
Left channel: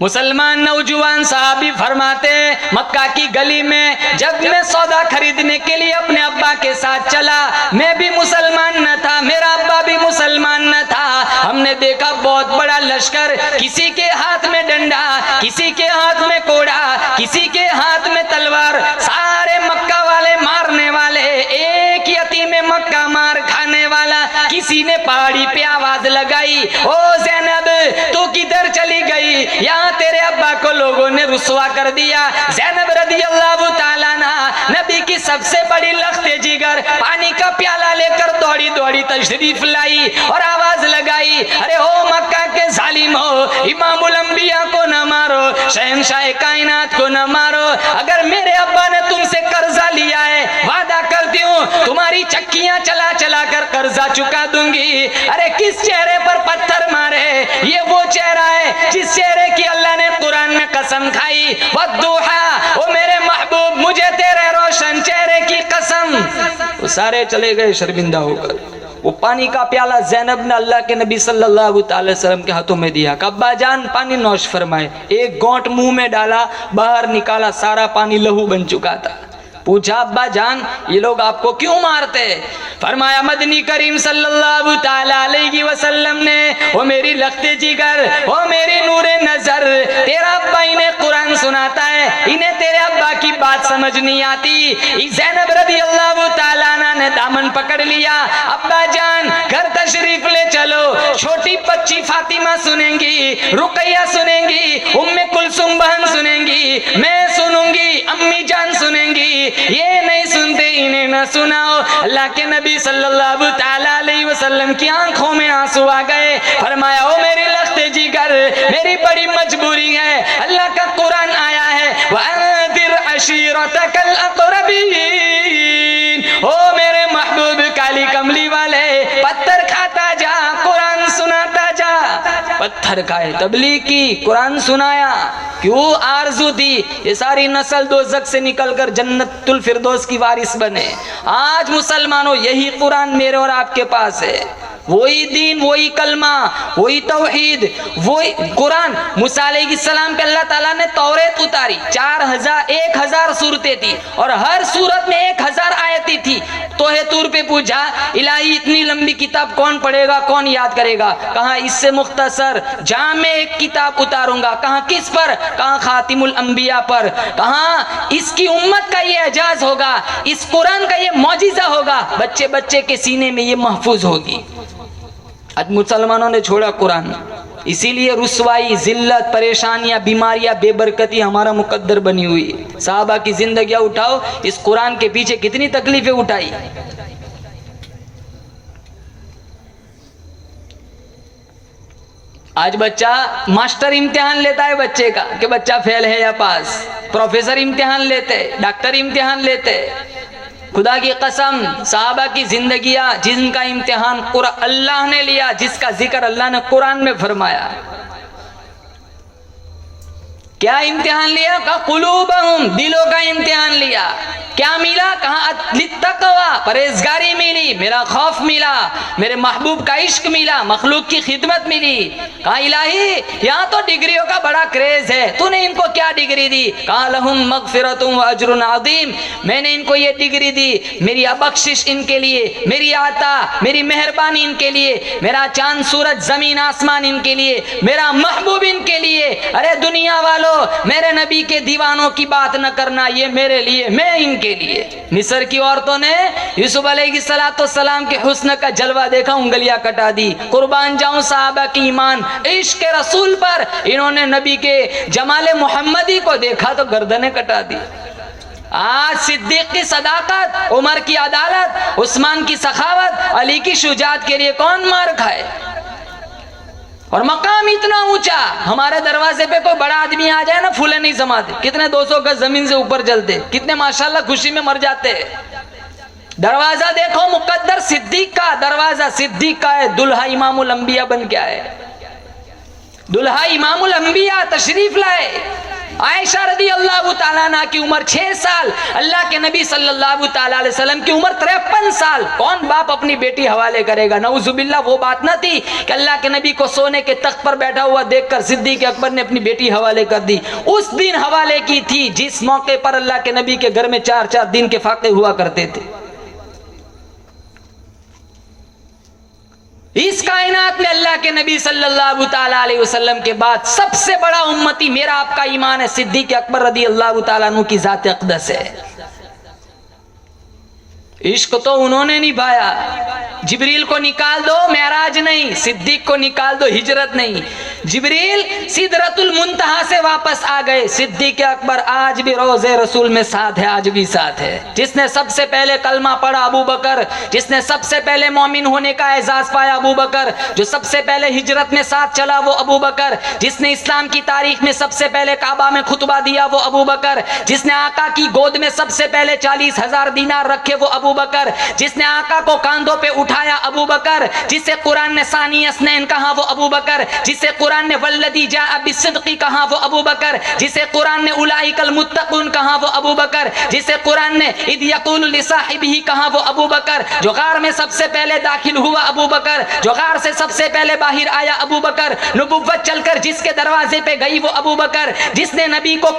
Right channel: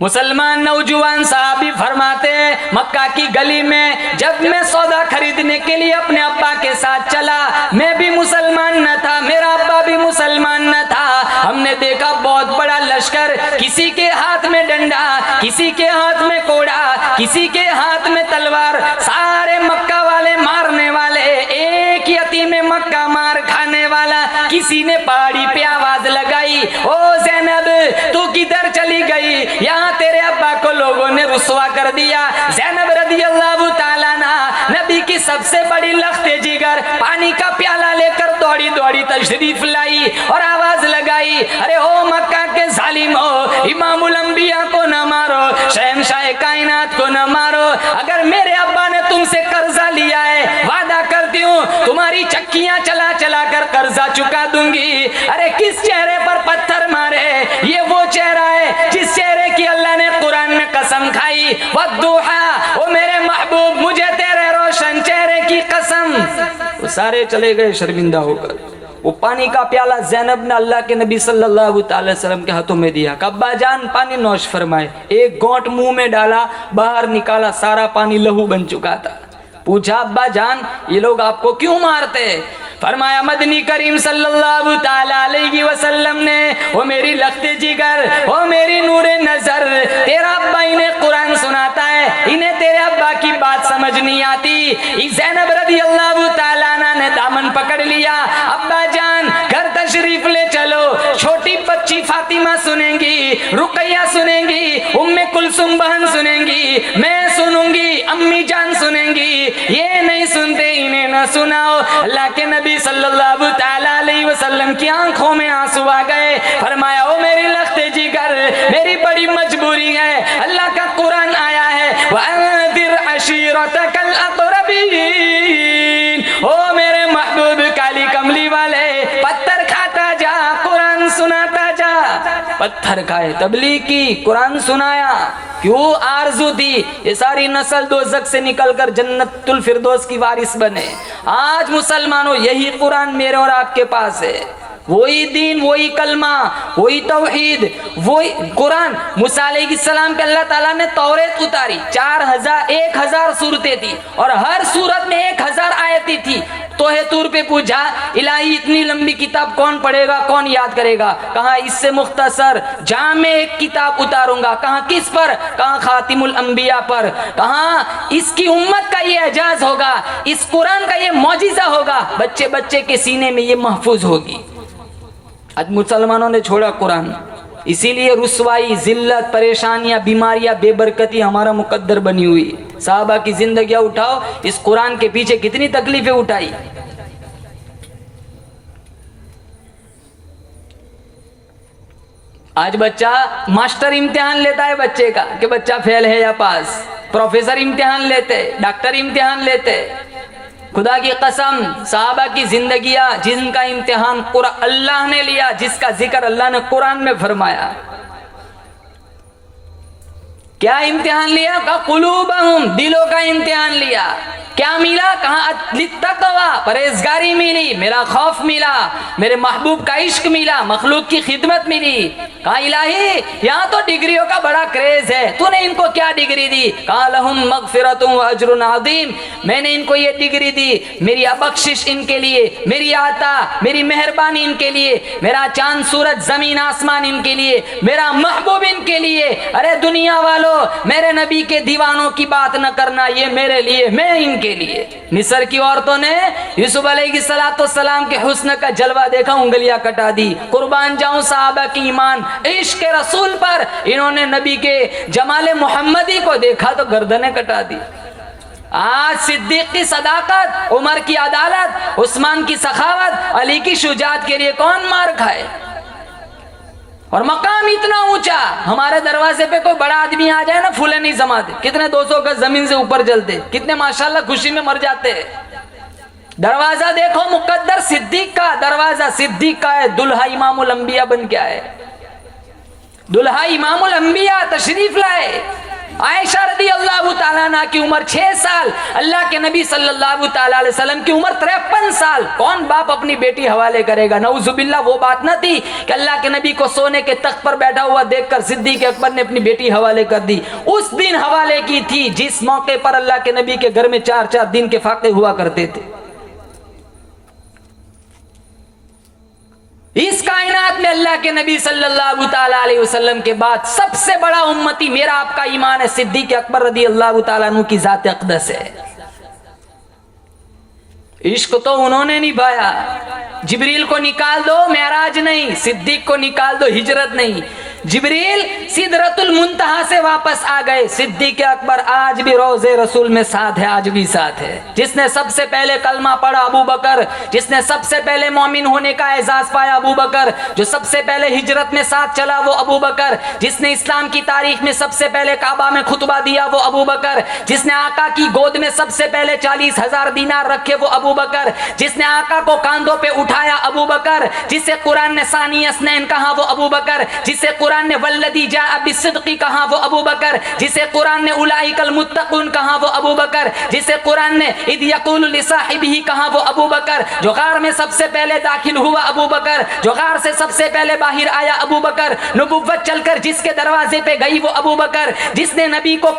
मुसलमान नौजवान साहबी फरमाते हैं मक्का की गली में जब मैं सौदा खरीदने के लिए अपने अब्बा के साथ चला, मैं भी मुसलमान न था, मेरा अब्बा भी मुसलमान न था। हमने देखा बहुत बड़ा लश्कर, किसी के हाथ में डंडा, किसी के हाथ में कोड़ा, किसी के हाथ में तलवार, सारे मक्का वाले मारने वाले, एक यतीम मक्का मार खाने वाला। किसी ने पहाड़ी पे आवाज लगाई, ओ ज़ैनब तू किधर चली गई, यहाँ तेरे अब्बा को लोगों ने रुसवा कर दिया। ज़ैनब रदी अल्लाह ताला अन्हा नबी की सबसे बड़ी लख्ते जिगर पानी का प्याला लेकर दौड़ी दौड़ी तशरीफ लाई और आवाज लगाई, अरे हो मक्का के जालिम हो, इमामुल अंबिया को न मारो, शहंशाह कायनात को न मारो। अगर मेरे अब्बा ने तुमसे कर्जा लिया है, वादा करती हूँ तुम्हारी चक्कियां चला चला कर कर्जा चुका दूंगी। अरे किस चेहरे पर पत्थर मारे, ये वो चेहरा है जिस चेहरे की अल्लाह ने कुरान में कसम खाई, वद्दुहा, ओ मेरे महबूब मुझे तेरे रोशन चेहरे की कसम। वो सारे चले गए शर्मिंदा होकर। वो पानी का प्याला ज़ैनब ने अल्लाह के नबी सल्लल्लाहु अलैहि वसल्लम के हाथों में दिया, अब्बा जान पानी नौश फरमाए। एक घोंट मुंह में डाला, बाहर निकाला, सारा पानी लहू बन चुका था। पूछा अब्बा जान ये लोग आपको क्यों मारते? फरमाया मदनी करीम सल्लल्लाहु ताला अलैहि वसल्लम ने, ओ मेरी लख्ते जिगर, ओ मेरी नूरे नजर, तेरा अब्बा इन्हें कुरान सुनाता है, इन्हें तेरे अब्बा की बात समझ नहीं आती। ज़ैनब रदी अल्लाह ताला अन्हा ने दामन पकड़ लिया, अब्बा जान घर तशरीफ ले चलो, छोटी बच्ची फातिमा सुनेंगी, रुकैया सुनेंगी, उम्मे कुलसुम बहन सुनेंगी, मैं सुनूंगी, अम्मी जान सुनेंगी, ये नहीं सुनते इन्हें न सुनाओ। अल्लाह के नबी सल्लल्लाहु ताला अलैहि वसल्लम की आंखों में आंसू आ गए। फरमाया ओ मेरी लख्ते जिगर, मेरी बड़ी मजबूरी है, अल्लाह का कुरान आया है, वअंदिर अशीरतकल अक़रबीन, ओ मेरे महबूब काली कमली वाले पत्थर खाता जा, कुरान सुनाता जा। पत्थर खाए, तबलीग की, कुरान सुनाया। क्यों? आरज़ू थी ये सारी नस्ल दोज़ख से निकलकर जन्नतुल फिरदौस की वारिस बने। आज मुसलमानों यही कुरान मेरे और आपके पास है, वही दीन, वही कलमा, वही तौहीद, वही कुरान। मूसा अलैहिस्सलाम पे अल्लाह ताला ने तौरेत उतारी, 1000 सूरतें थी और हर सूरत में 1000 आयतें थी। तोहे तूर पे पूछा इलाही इतनी लंबी किताब कौन पढ़ेगा, कौन याद करेगा? कहा इससे मुख्तसर जामे एक किताब उतारूंगा। कहा किस पर? कहा खातिमुल अंबिया पर। कहा इसकी उम्मत का ये एजाज होगा, इस कुरान का ये मौजिजा होगा, बच्चे बच्चे के सीने में ये महफूज होगी। आज मुसलमानों ने छोड़ा कुरान, इसीलिए रुसवाई, जिल्लत, परेशानियां, बीमारियां, बेबरकती हमारा मुकद्दर बनी हुई है। साहबा की जिंदगियां उठाओ, इस कुरान के पीछे कितनी तकलीफें उठाई। आज बच्चा, मास्टर इम्तिहान लेता है बच्चे का कि बच्चा फेल है या पास, प्रोफेसर इम्तिहान लेते, डॉक्टर इम्तिहान लेते। खुदा की कसम साहबा की जिंदगियां जिनका इम्तिहान अल्लाह ने लिया, जिसका जिक्र अल्लाह ने कुरान में फरमाया। क्या इम्तिहान लिया? का कुलूबहुम, दिलों का इम्तिहान लिया। क्या मिला? कहा लित्तक़वा, परहेजगारी मिली, मेरा खौफ मिला, मेरे महबूब का इश्क मिला, मखलूक की खिदमत मिली। कहा इलाही यहाँ तो डिग्रियों का बड़ा क्रेज है, तूने इनको क्या डिग्री दी? कहा लहुम मगफिरतुम व अज्रुन अज़ीम, मैंने इनको ये डिग्री दी, मेरी बख्शिश इनके लिए, मेरी आता, मेरी मेहरबानी इनके लिए, मेरा चांद सूरज जमीन आसमान इनके लिए, मेरा महबूब इनके लिए। अरे दुनिया वालों, मेरे नबी के दीवानों की बात न करना, ये मेरे लिए, मैं इनके लिए। मिस्र की औरतों ने यूसुफ अलैहिस्सलाम के हुस्न का जलवा देखा, उंगलियां कटा दी। कुर्बान जाऊं साहबा की ईमान, इश्क रसूल पर इन्होंने नबी के जमाले मोहम्मदी को देखा तो गर्दनें कटा दी। आज सिद्दीक की सदाकत, उमर की अदालत, उस्मान की सखावत, अली की शुजात के लिए कौन मार खाए? और मकाम इतना ऊंचा, हमारे दरवाजे पे कोई बड़ा आदमी आ जाए ना, फूले नहीं समाते, कितने 200 गज जमीन से ऊपर जलते, कितने माशाल्लाह खुशी में मर जाते। दरवाजा देखो, मुकद्दर सिद्दीक का दरवाजा, सिद्दीक का है, दुल्हा इमामुल अंबिया बन के आए, दुल्हा इमामुल अंबिया तशरीफ लाए। आयशा रदी अल्लाह ताला अन्हा की उम्र 6 साल, अल्लाह के नबी सल्लल्लाहु ताला अलैहि वसल्लम की उम्र 53 साल। कौन बाप अपनी बेटी हवाले करेगा? नऊजुबिल्लाह, वो बात न थी कि अल्लाह के नबी को सोने के तख्त पर बैठा हुआ देखकर सिद्दीक अकबर ने अपनी बेटी हवाले कर दी। उस दिन हवाले की थी जिस मौके पर अल्लाह के नबी के घर में 4-4 दिन के फाके हुआ करते थे। इस कायनात में अल्लाह के नबी सल्लल्लाहु ताला अलैहि वसल्लम के बाद सबसे बड़ा उम्मती मेरा आपका ईमान है, सिद्दीक अकबर रदी अल्लाह ताला अन्हु की जात अक़दस है। इश्क तो उन्होंने निभाया, जिब्रील को निकाल दो मेराज नहीं, सिद्दीक को निकाल दो हिजरत नहीं। जिब्रील सिदरतुल मुंतहा से वापस आ गए, सिद्दीक अकबर आज भी रोज़े रसूल में साथ है, आज भी साथ है। जिसने सबसे पहले कलमा पढ़ा अबू बकर, जिसने सबसे पहले मोमिन होने का एजाज पाया अबू बकर, जो सबसे पहले हिजरत में साथ चला वो अबू बकर, जिसने इस्लाम की तारीख में सबसे पहले काबा में खुतबा दिया वो अबू बकर, जिसने आका की गोद में सबसे पहले 40,000 दीनार रखे वो अबू बकर, जिसने आका को कांधों पे उठाया अबू बकर, जिसे कुरान ने सानी अस्नैन कहा वो अबू बकर, जिसे कुरान ने वल्लदी जाअ बिस्सिद्क़ी कहा वो अबू बकर, जिसे कुरान ने उलाइकल मुत्तक़ून कहा वो अबू बकर, जिसे कुरान ने इद यक़ूलु लिसाहिबिही कहा वो अबू बकर, जो गार में सबसे पहले दाखिल हुआ अबू बकर, जो गार से सबसे पहले बाहर आया अबू बकर, नबुव्वत चलकर जिसके दरवाजे पे गई वो अबू बकर, जिसने नबी को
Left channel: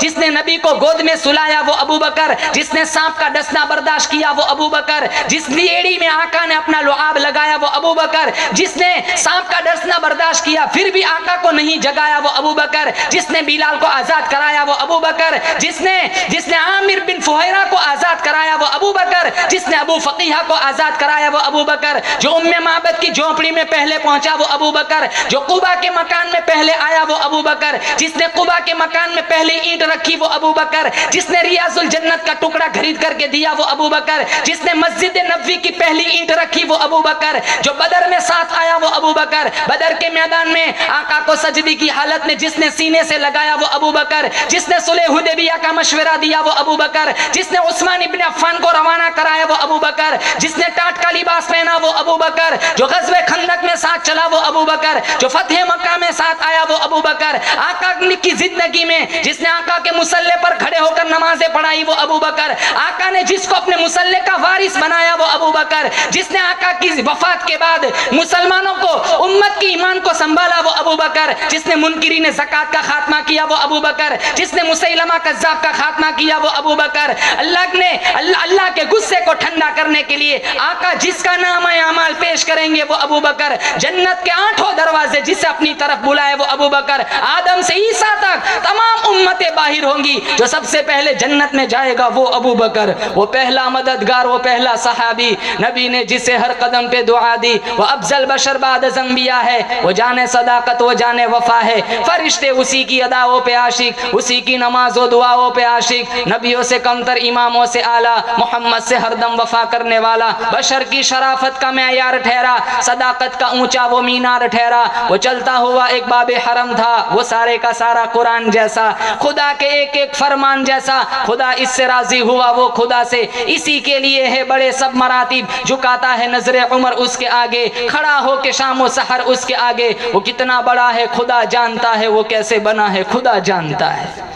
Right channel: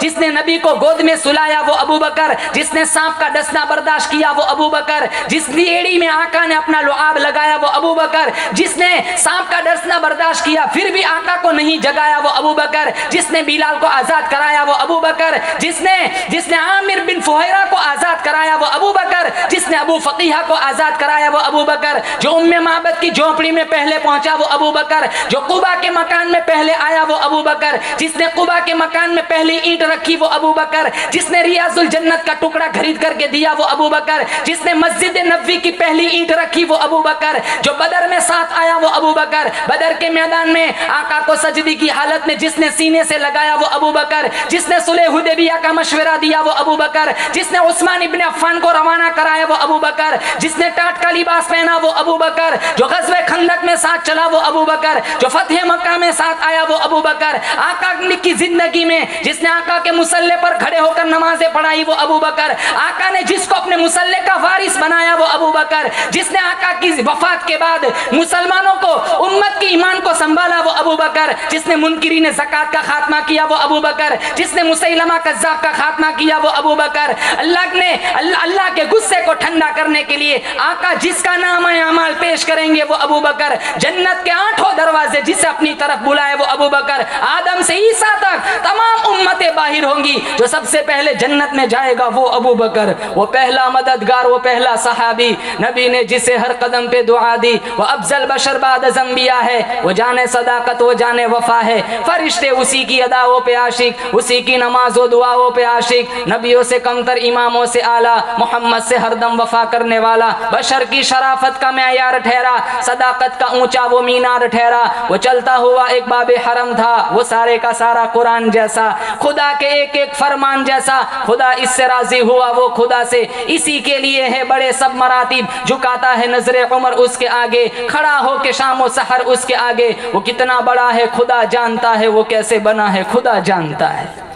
जिसने नबी को गोद में सुलाया वो अबू बकर, जिसने सांप का डसना बर्दाश्त किया वो अबू बकर, जिस एड़ी में आका ने अपना लुआब लगाया वो अबू बकर, जिसने सांप का डसना बर्दाश्त किया फिर भी आका को नहीं जगाया वो अबू बकर, जिसने बिलाल को आजाद कराया वो अबू बकर, जिसने आमिर बिन फुहैरा को आजाद कराया वो अबू बकर, जिसने अबू फकीहा को आजाद कराया वो अबू बकर, जो उम्मे माबद की झोपड़ी में पहले पहुंचा वो अबू बकर, जो कुबा के मकान में पहले आया वो अबू बकर, जिसने कुबा के मकान में पहली ईंट रखी वो अबू बकर, जिसने रियाजुल जन्नत का टुकड़ा खरीद करके दिया वो अबू बकर, जिसने मस्जिद नबवी की पहली ईंट रखी वो अबू बकर, जो बदर में साथ आया वो अबू बकर, बदर के मैदान में आका को सजदी की हालत में जिसने सीने से लगाया वो अबू बकर, जिसने सुलह हुदैबिया का मशवरा दिया वो अबू बकर, जिसने उस्मान इब्न अफ़्फ़ान को रवाना कराया वो अबू बकर, जिसने टाट का लिबास पहना वो अबू बकर, जो ग़ज़वे खंदक में साथ चला वो अबू बकर, जो फतह मक्का में साथ आया वो अबू बकर, आका की जिंदगी में जिसने आका के मुसल्ले पर खड़े होकर नमाजें पढ़ाई वो अबू बकर, आका ने जिसको अपने मुसल्ले का वारिस बनाया वो अबू बकर, जिसने आका की वफात के बाद मुसलमानों को उम्मत की ईमान को संभाला वो अबू बकर, जिसने मुनकिरीन ज़कात का खात्मा किया वो अबू बकर, जिसने मुसैलमा कज़्ज़ाब का खात्मा किया वो अबू बकर। अल्लाह के गुस्से को ठंडा करने के लिए आका जिसका नाम है अमाल पेश करेंगे वो अबू बकर, जन्नत के 8 दरवाजे जिसे अपनी तरफ बुलाए वो अबू बकर, आदम से ईसा तक तमाम उम्मतें बाहिर होंगी, जो सबसे पहले जन्नत में जाएगा वो अबू बकर, वो पहला मददगार, वो पहला सहाबी, नबी ने जिसे हर कदम पे दुआ दी, वो अफजल बशर बाद अंबिया है, वो जाने सदाकत, वो जाने वफा है, फरिश्ते उसी की अदाओं पे आशिक, उसी की नमाज और दुआओं पे आशिक, नबियों से कमतर, इमामों से आला, मोहम्मद से हरदम वफा करने वाला, बशर की शराफत का मेयार ठहरा, सदाकत का ऊंचा वो मीनार ठहरा, वो चलता हुआ एक बाबे हरम था, वो सारे का सारा कुरान जैसा, खुदा के एक एक फरमान जैसा, खुदा इससे राजी हुआ वो खुदा से, इसी के लिए है बड़े सब मरातिब, झुकाता है नजरे उमर उसके आगे, खड़ा हो के शामो सहर उसके आगे, वो कितना बड़ा है खुदा जानता है, वो कैसे बना है खुदा जानता है।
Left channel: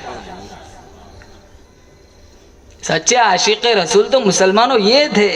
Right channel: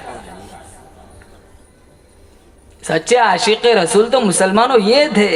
सच्चे आशिक रसूल तो मुसलमानों ये थे।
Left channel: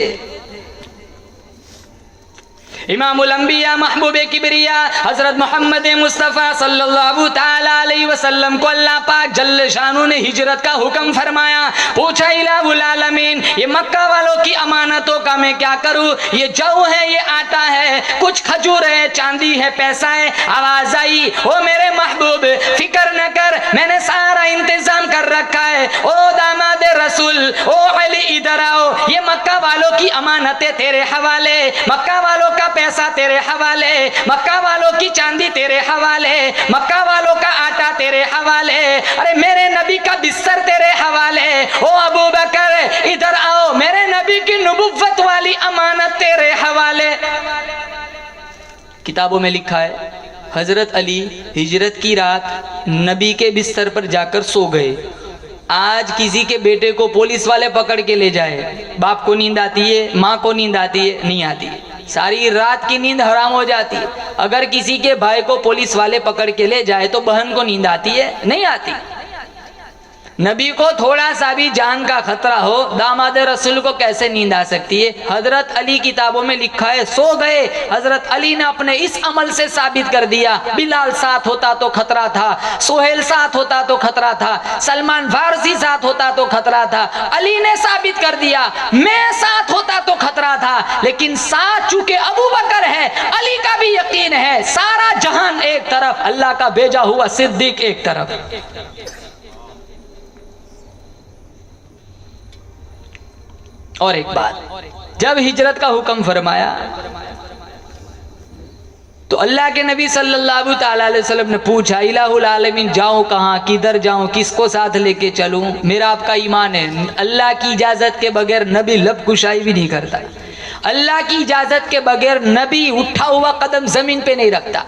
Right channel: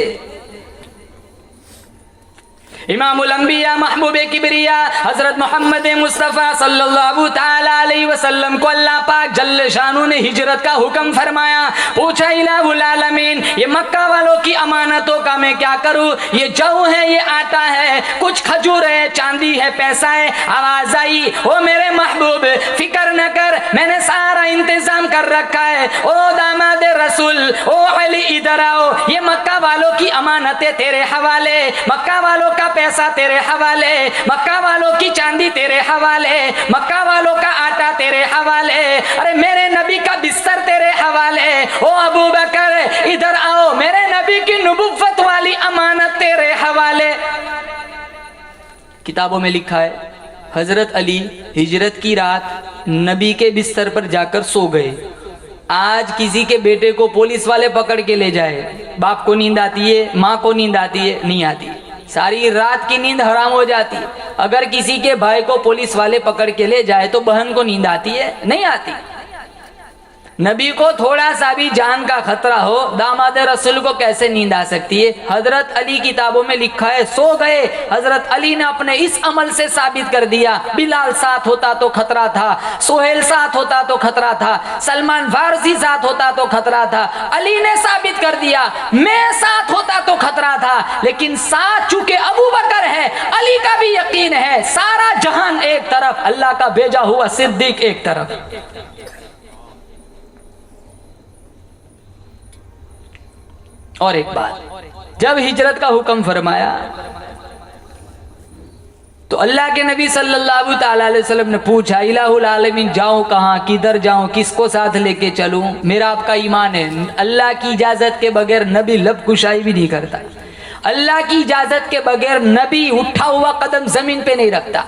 इमामुल अंबिया महबूब किबरिया हजरत मोहम्मद मुस्तफ़ा सल्लल्लाहु ताला अलैहि वसल्लम को अल्लाह पाक जल्ल शानू ने हिजरत का हुक्म फरमाया। पूछा इलाहुल आलमीन, ये मक्का वालों की अमानतों का मैं क्या करूं? ये जौ है, ये आटा है, कुछ खजूर है, चांदी है, पैसा है। आवाज आई, ओ मेरे महबूब फिक्र न कर, मैंने सारा इंतजाम कर रखा है। ओ दामाद रसूल, ओ अली इधर आओ, ये मक्का वालों की अमानतें तेरे हवाले, मक्का वालों का पैसा तेरे हवाले, मक्का वालों की चांदी तेरे हवाले, मक्का वालों का आटा तेरे हवाले, अरे मेरे नबी का बिस्तर तेरे हवाले। ओ अबू बकर इधर आओ, मेरे नबी की नबुव्वत वाली अमानत तेरे हवाले। किताबों में लिखा है हजरत अली हिजरत की रात नबी के बिस्तर पर जाकर सो गए। आज किसी के बेटे को पुलिस वाले पकड़ के ले जाए, बाप को नींद आती है, माँ को नींद आती है? नहीं आती, सारी रात की नींद हराम हो जाती है। अगर किसी के भाई को पुलिस वाले पकड़ के ले जाए तो बहन को नींद आती है? नहीं आती। नबी को थोड़ा सा भी जान का खतरा हो, दामाद रसूल को कैसे नींद आ सकती है? हजरत अली किताबों में लिखा है सो गए। हजरत अली ने अपने इस अमल से साबित कर दिया, बिलाल साथ होता तो खतरा था, सोहेल साथ होता तो खतरा था, सलमान फारसी साथ होता तो खतरा था। अली ने साबित कर दिया, मैं साथ होता तो खतरा था, लेकिन साथ चूंकि अबू बकर है, अली का भी यकीन है, सारा जहान एक तरफ, अल्लाह का भेजा हुआ सिद्दीक एक तरफ। और एक बात, जब हिजरत का हुक्म फरमाया तो अल्लाह के नबी सल्लल्लाहु ताला अलैहि वसल्लम ने पूछा, इलाहुल आलमीन जाऊं कहां, किधर जाऊं, किसको साथ लेके चलूं? मेरा आपका ईमान है अल्लाह की इजाजत के बगैर नबी लब कुशाई भी नहीं करता। अल्लाह की इजाजत के बगैर नबी उठा हुआ कदम जमीन पे नहीं रखता।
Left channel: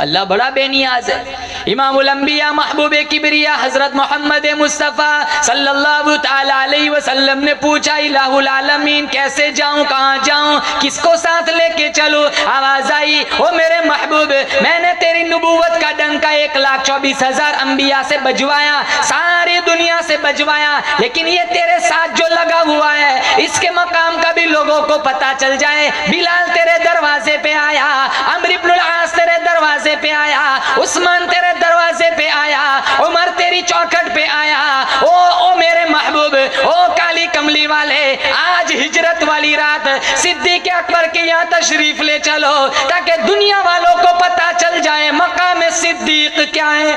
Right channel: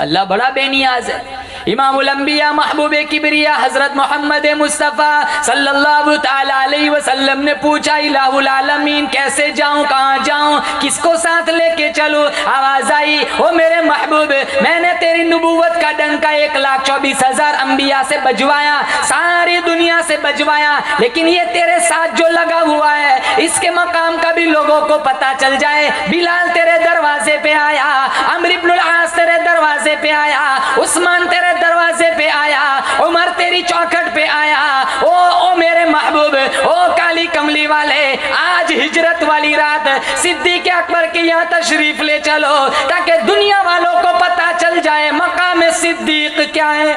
अल्लाह बड़ा बेनियाज है। इमामुल अंबिया महबूब किबरिया हजरत मोहम्मद मुस्तफ़ा सल्लल्लाहु ताला अलैहि वसल्लम ने पूछा, इलाहुल आलमीन कैसे जाऊं, कहां जाऊं, किसको साथ लेके चलूं? आवाज आई, ओ मेरे महबूब, मैंने तेरी नबूवत का डंका 1,24,000 अंबिया से बजवाया, सारी दुनिया से बजवाया, लेकिन ये तेरे साथ जो लगा हुआ है इसके मकाम का भी लोगों को पता चल जाए। बिलाल तेरे दरवाजे पे आया, अम्र इब्नुल आस तेरे दरवाजे पे आया, उस्मान तेरे दरवाजे पे आया, उमर तेरी चौखट पे आया। ओ मेरे महबूब, ओ काली कमली वाले, आज हिजरत वाली रात सिद्दीक अकबर के यहाँ तशरीफ ले चलो, ताकि दुनिया वालों को पता चल जाए मकाम सिद्दीक क्या है।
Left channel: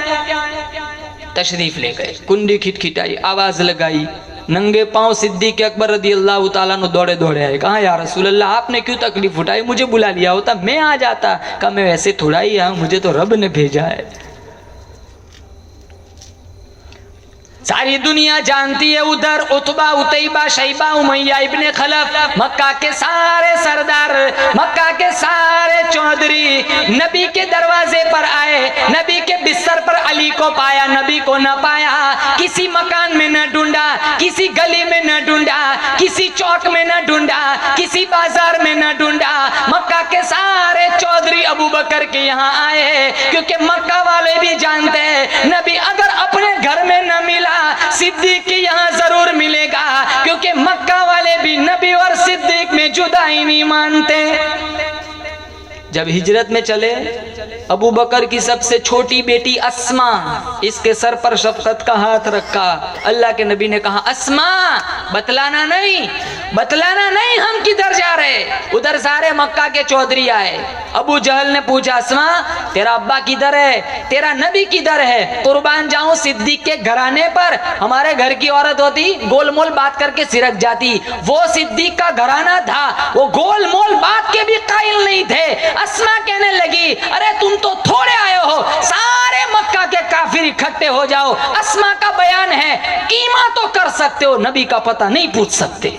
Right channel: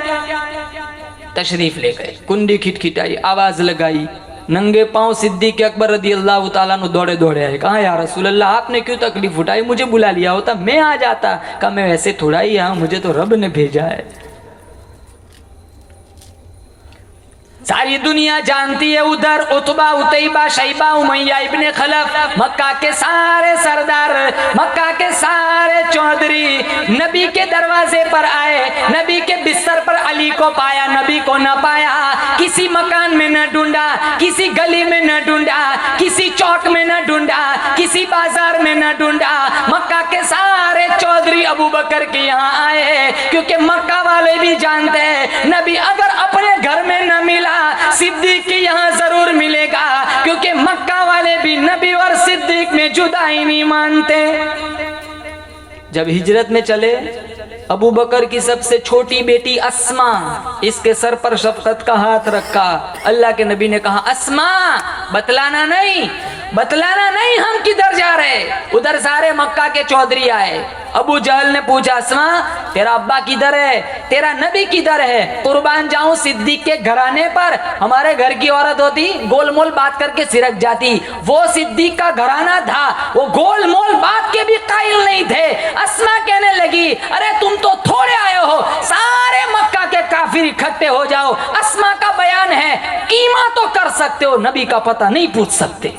तशरीफ ले गए, कुंडी खिटखिटाई, आवाज लगाई, नंगे पांव सिद्दीक अकबर रदी अल्लाह ताला नु दौड़े दौड़े आए। कहा या रसूल अल्लाह, आपने क्यों तकलीफ उठाई? मुझे बुला लिया होता, मैं आ जाता। कहा मैं वैसे थोड़ा ही आया, मुझे तो रब ने भेजा है। सारी दुनिया जानती है उधर उतबा, उतैबा, शैबा, उमैया इब्ने खलफ, मक्का के सारे सरदार, मक्का के सारे चौधरी नबी के दरवाजे पर आए, नबी के बिस्तर पर अली को पाया, नबी को न पाया। किसी मकान में न ढूंढा, किसी गली में न ढूंढा, किसी चौक में न ढूंढा, किसी बाजार में न ढूंढा। मक्का के सारे चौधरी अबू बकर के यहाँ आए, क्योंकि मक्का वाले भी जानते हैं नबी अगर अपने घर में न मिला, सिद्दीक के यहाँ जरूर मिलेगा, क्योंकि मक्का वाले भी नबी और सिद्दीक में जुदाई नहीं मानते। जब हिजरत में चले, अबू बकर की सबसे छोटी बेटी अस्मा, इसके सर पर शफकत का हाथ रखा। अल्लाह के नबी ने कहा, अस्मा बतलाना नहीं, बतलाना नहीं हम किधर जा रहे। उधर सारे मक्का के चौधरी आए। अबू जहल ने पूछा, अस्मा तेरा अब्बा किधर है, तेरा नबी किधर है? कुर्बान जाऊं सिद्दीक के घराने पर, हमारे घर की औरत होती गोलमोल बात करके सिरक जाती, वो सिद्दीक का घराना था, वो गोलमोल बात के भी कायल नहीं थे। अस्मा कहने लगी, अरे तुम तो थोड़े आए हो, सारे मक्का के काफिर इकट्ठे हो जाओ। अस्मा का बयान है, कीमा तो कर सकते हो, नबी का पता नहीं पूछ सकते।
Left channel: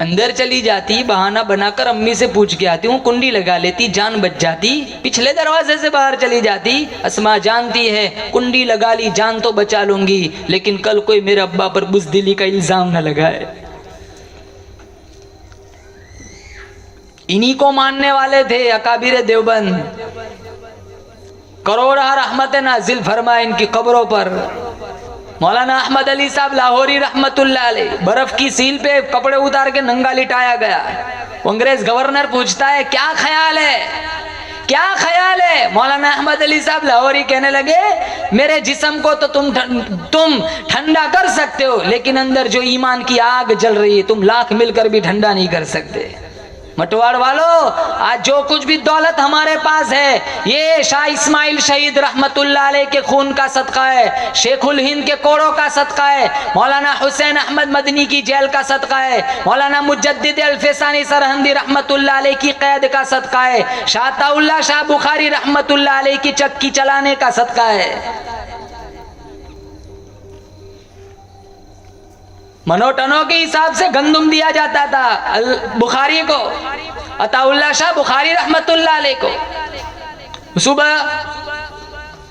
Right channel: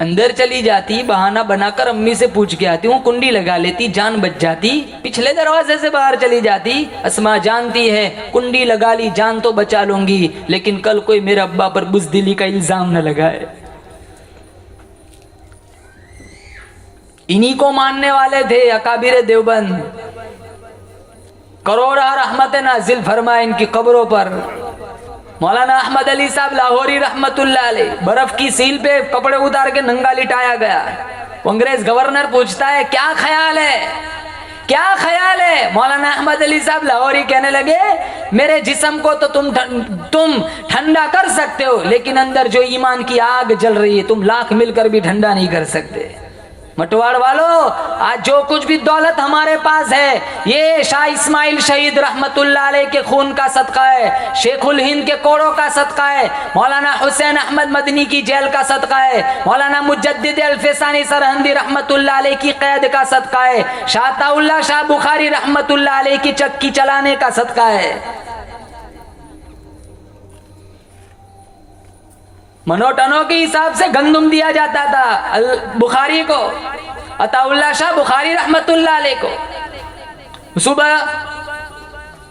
अंदर चली जाती, बहाना बनाकर अम्मी से पूछ के आती हूँ, कुंडी लगा लेती, जान बच जाती। पिछले दरवाजे से बाहर चली जाती। अस्मा जानती है कुंडी लगा ली, जान तो बचा लूंगी, लेकिन कल कोई मेरे अब्बा पर बुज़दिली का इल्जाम न लगाए। इन्हीं को मानने वाले थे अकाबिर देवबंद। करोड़ा रहमतें नाजिल फरमाए इनकी कब्रों पर। मौलाना अहमद अली साहब लाहौरी रहमतुल्लाह अलैह, बर्फ की सील पे कपड़े उतार के नंगा लिटाया गया। अंग्रेज गवर्नर पूछता है क्या ख्याल है, क्या ख्याल है? मौलाना अहमद अली साहब लाहौरी कहने लगे मेरे जिस्म को तो तुम ठंडा कर सकते हो, लेकिन अंदर जो ईमान की आग जल रही है तुम लाख मिलकर भी ठंडा नहीं कर सकते। मटवाड़ वालों, आज जो कुछ भी दौलत हमारे पास है ये शाह इस्माइल शहीद रहमतुल्लाह अलैह के खून का सदका है, शेखुल हिंद के कोड़ों का सदका है, मौलाना हुसैन अहमद मदनी की जेल का सदका है, मौलाना मुजद्दिद अल-फैसानी सरहंदी रहमतुल्लाह अलैह की कैद का सदका है, शाह ताउल्लाह शाह बुखारी रहमतुल्लाह अलैह की चक्की चलाने का सदका है। मनोटनों के हिसाब से गंदुम दिया जाता था बुखारी को, अताउल्लाह शाह बुखारी रहमतुल्लाह अलैह को। सुबह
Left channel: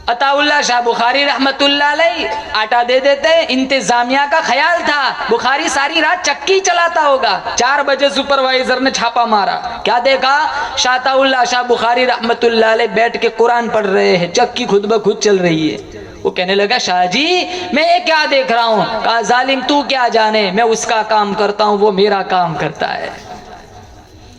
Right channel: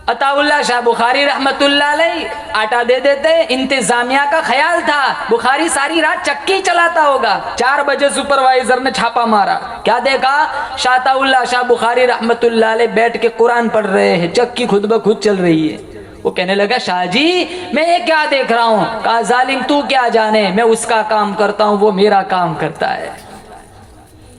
अताउल्लाह शाह बुखारी रहमतुल्लाह अलैह आटा दे देते। इंतजामिया का ख्याल था बुखारी सारी रात चक्की चलाता होगा। 4 बजे सुपरवाइजर ने छापा मारा, क्या देखा? शाह ताउल्लाह शाह बुखारी रहमतुल्लाह अलैह बैठ के कुरान पढ़ रहे हैं, चक्की खुद ब खुद चल रही है। वो कहने लगा शाह जी मैं ये क्या देख रहा हूँ? कहा जालिम तू क्या जाने, मैं उसका काम करता हूँ वो मेरा काम करता है।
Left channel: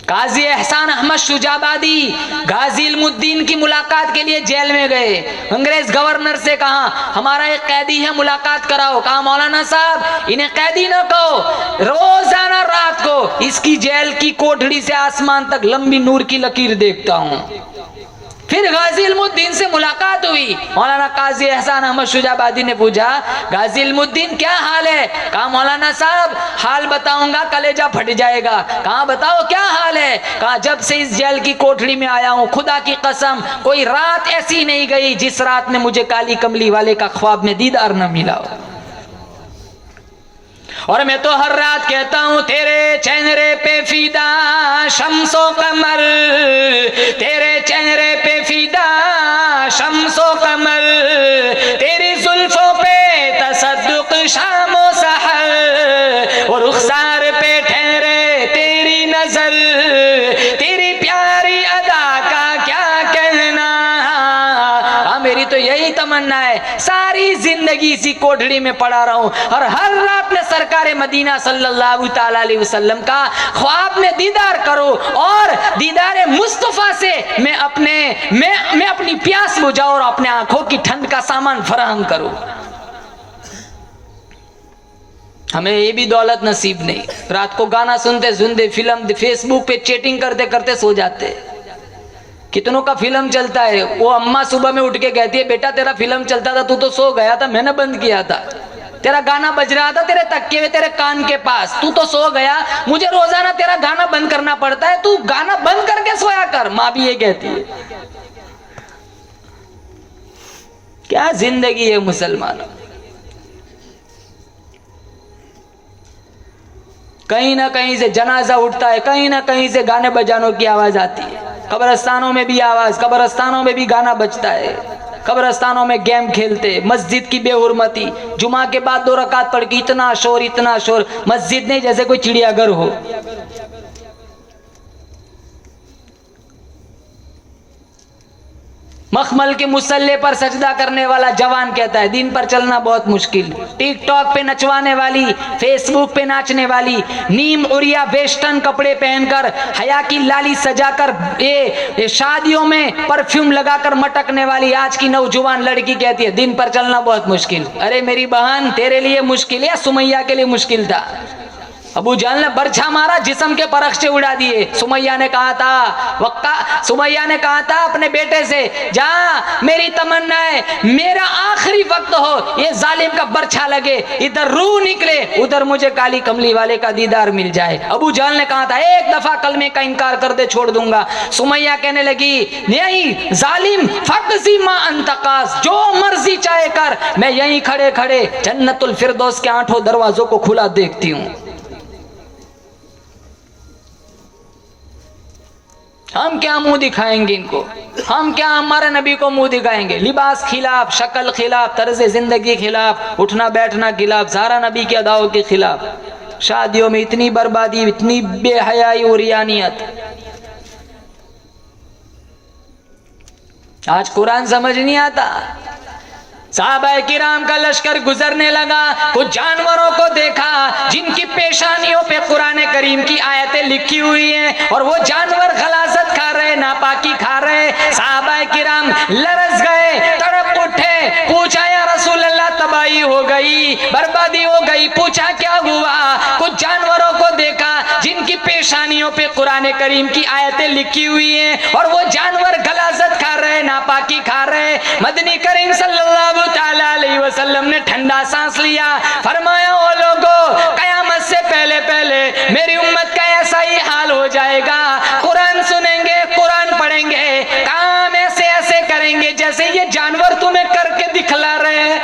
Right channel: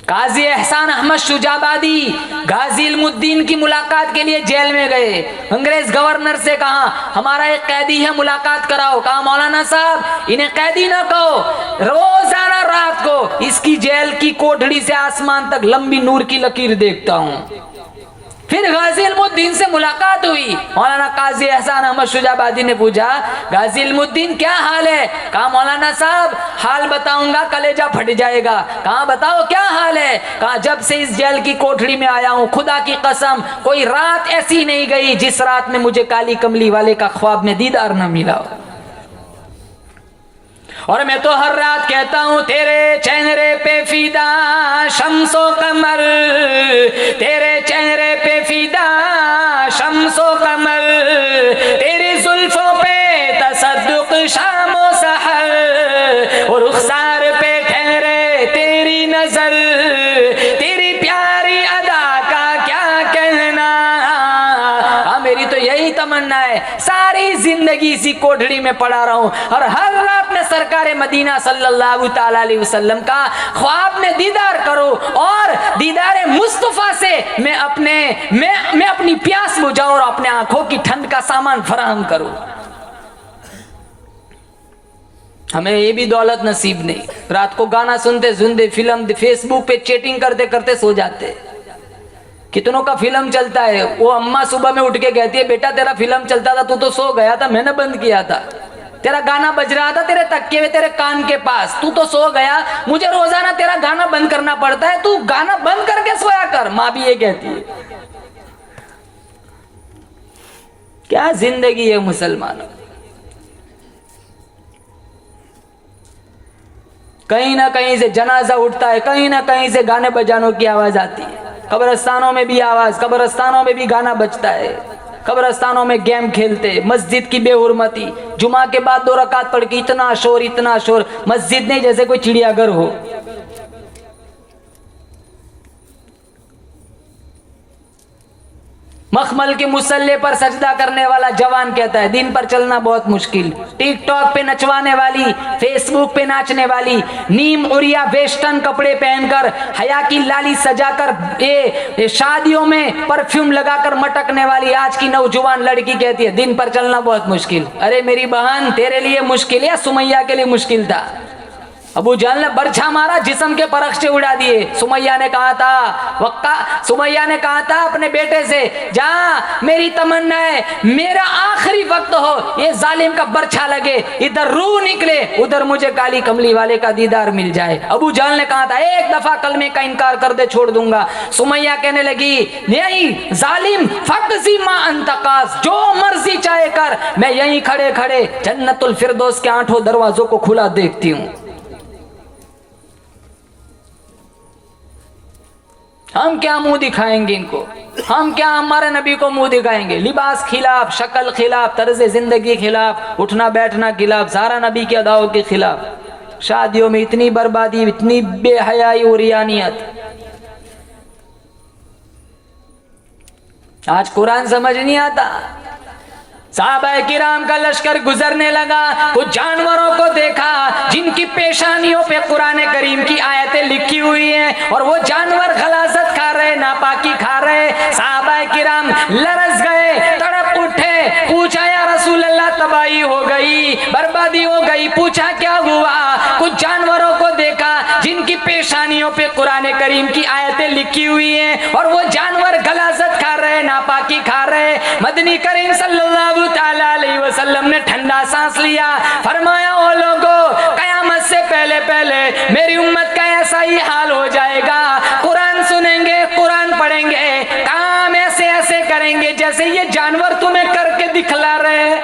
काजी एहसान अहमद शुजाबादी गाजी इल्मुद्दीन की मुलाकात के लिए जेल में गए। अंग्रेज गवर्नर से कहा हमारा एक कैदी है मुलाकात कराओ। कहा मौलाना साहब इन्हें कैदी ना कहो, रोजाना रात को इसकी जेल की कोठड़ी से आसमान तक लंबी नूर की लकीर देखता हूँ। फिर गाजी इल्मुद्दीन से मुलाकात हुई। मौलाना काजी एहसान अहमद शुजाबादी ने पूछा गाजी इल्मुद्दीन क्या हाल है? कहा मौलाना साहब हाल बताऊंगा कलेजा फट जाएगा। कहा बताओ क्या हाल है? कहा जब से इस जेल की कोठड़ी में आया हूं खुदा की कसम कोई रात ऐसी नहीं गई जिस रात में मुझे काली कमली वाले का ख्वाब में दीदार न मिला हो। और मैं तो हर रात कहता हूँ तेरे चेहरे पे फिदा शम्सो कमर, तेरे चेहरे पे फिदा शम्सो कमर, तेरी जुल्फों पे तसद्दुक शामो सहर, और रुखसार पे ठहरे तेरी नजर, तेरी प्यारी अदा का क्या कहना। मेरी तो यही तमन्ना है सारी जिंदगी इसी कोठड़ी में पड़ा रहूं और हर रात में सरकारे मदीना सल्लल्लाहु ताला अलैहि वसल्लम का ख्वाब में दीदार करूं और दीदारे मुस्तफा से मैं अपनी प्यास बुझाऊं और अपने आंखों की ठंड का सामान फराहम करूं। हमें ये भी दौलत नसीब नहीं। रात को गाना सुनते सुनते फिल्म फेसबुक पे चैटिंग करते करते सो जाते। कितनों का फिल्म चलता है, वो अम्मा सुबह में उठ के कहती है बेटा तेरा फिल्म चलता था तू तो सो गया था, मैंने बंद किया था। तेरा गाना बज रहा था तेरे तकिए में तेरे कान के पास, तू तो सो गया, मुझे रोजाना तेरा गाना बंद करना पड़ता है, तू गाना बंद करके सोया कर। माँ भी ये कहती है। क्या जिंदगी है मुसलमानों। कहीं ना कहीं से जनाजा उठता है, कहीं ना कहीं से गाने बजानों की आवाज आती है। कब्रस्तानों में भी आवाज, कब्रस्तानों में भी गाना बजता है, कब्रस्तानों में गेम खेलते, मस्जिद की बेहुरमती, जुमा के बाद 2 रकात पढ़ के इतना शोर, मस्जिद नहीं जैसे कोई चिड़ियाघर हो। मखमल के मुसल्ले पर सजदा करने वाला जवान कहता है दिन पर चलना बहुत मुश्किल। टिकटॉक पे नचवाने वाली, फेसबुक पे नाचने वाली, नीम उरिया वेस्टर्न कपड़े पहनकर हया की लाली सजाकर ये शादियों में परफ्यूम लगाकर मटकने वाली आज की नौजवान लड़की कहती है दिन पर चलना बहुत मुश्किल। अरे मेरी बहन तेरे लिए मुश्किल है, सुमैया के लिए मुश्किल था। अबू जहल ने बरछा मारा, जिस्म के परख्चे उड़ा दिए। सुमैया ने कहा था अपने बेटे से जा मेरी तमन्ना है मेरा आखिरी वक्त हो, ये जालिम का बरछा लगे, इधर रूह निकले, उधर मुझे काली कमली वाले का दीदार मिल जाए। अबू जहल ने कहा था एक दफा कलमे का इनकार कर दे छोड़ दूंगा। सुमैया कहने लगी नहीं जालिम फक्सी मा अंतकास, जो मर्जी चाहे कर, मैं यहीं खड़े खड़े जन्नतुल फिरदौस के 8 दरवाजों को खुला देखती हूँ। हम क्या मुंह दिखाएंगे इनको, हम क्या हमारे नबी को मुंह दिखाएंगे। लिबास खिलाफ, शक्ल खिलाफ, तर्ज जिंदगी खिलाफ, उठना बैठना खिलाफ, सारा नबी के अदाओं के खिलाफ। शादियों में इतनी बर्बादी, इतनी बेहयाई और यानियत। आज कुरान समझ नहीं आता। साहबा किराम का लश्कर गुजरने लगा, कुछ जानवरों को देखा जिनकी पेशानियों पे कुरान करीम की आयतें लिखी हुई हैं और वो जानवर गलाजत खा रहे, नापाकी खा रहे। साहबा किराम लरस गए, तड़प उठे, पूछा या रसूल अल्लाह तबाही हो गई, बर्बादी हो गई। पूछा क्या हुआ? कुछ जानवरों को देखा जिनकी पेशानियों पे कुरान करीम की आयतें लिखी हुई हैं और वो जानवर गलाजत खा रहे, नापाकी खा रहे। मदनी करीम सल्लल्लाहु ताला अलैहि वसल्लम ने ठंडा सांस लिया, फरमाया ओ लोगों, कयामत से पहले पहले मेरी उम्मत का ऐसा ही हाल हो जाएगा। कुरान सुनेंगे, कुरान पढ़ेंगे, काम ऐसे ऐसे करेंगे जैसे ये जानवर तुम्हें करके दिखला रहे हैं।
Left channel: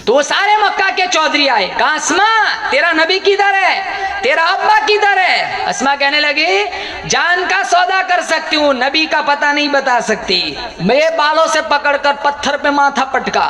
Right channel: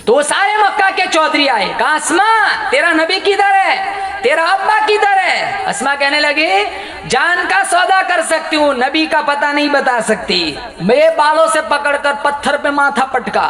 तो वो सारे मक्का के चौधरी आए, कहा अस्मा तेरा नबी किधर है, तेरा अब्बा किधर है? अस्मा कहने लगी जान का सौदा कर सकती हूँ, नबी का पता नहीं बता सकती। मेरे बालों से पकड़कर पत्थर पे माथा पटका,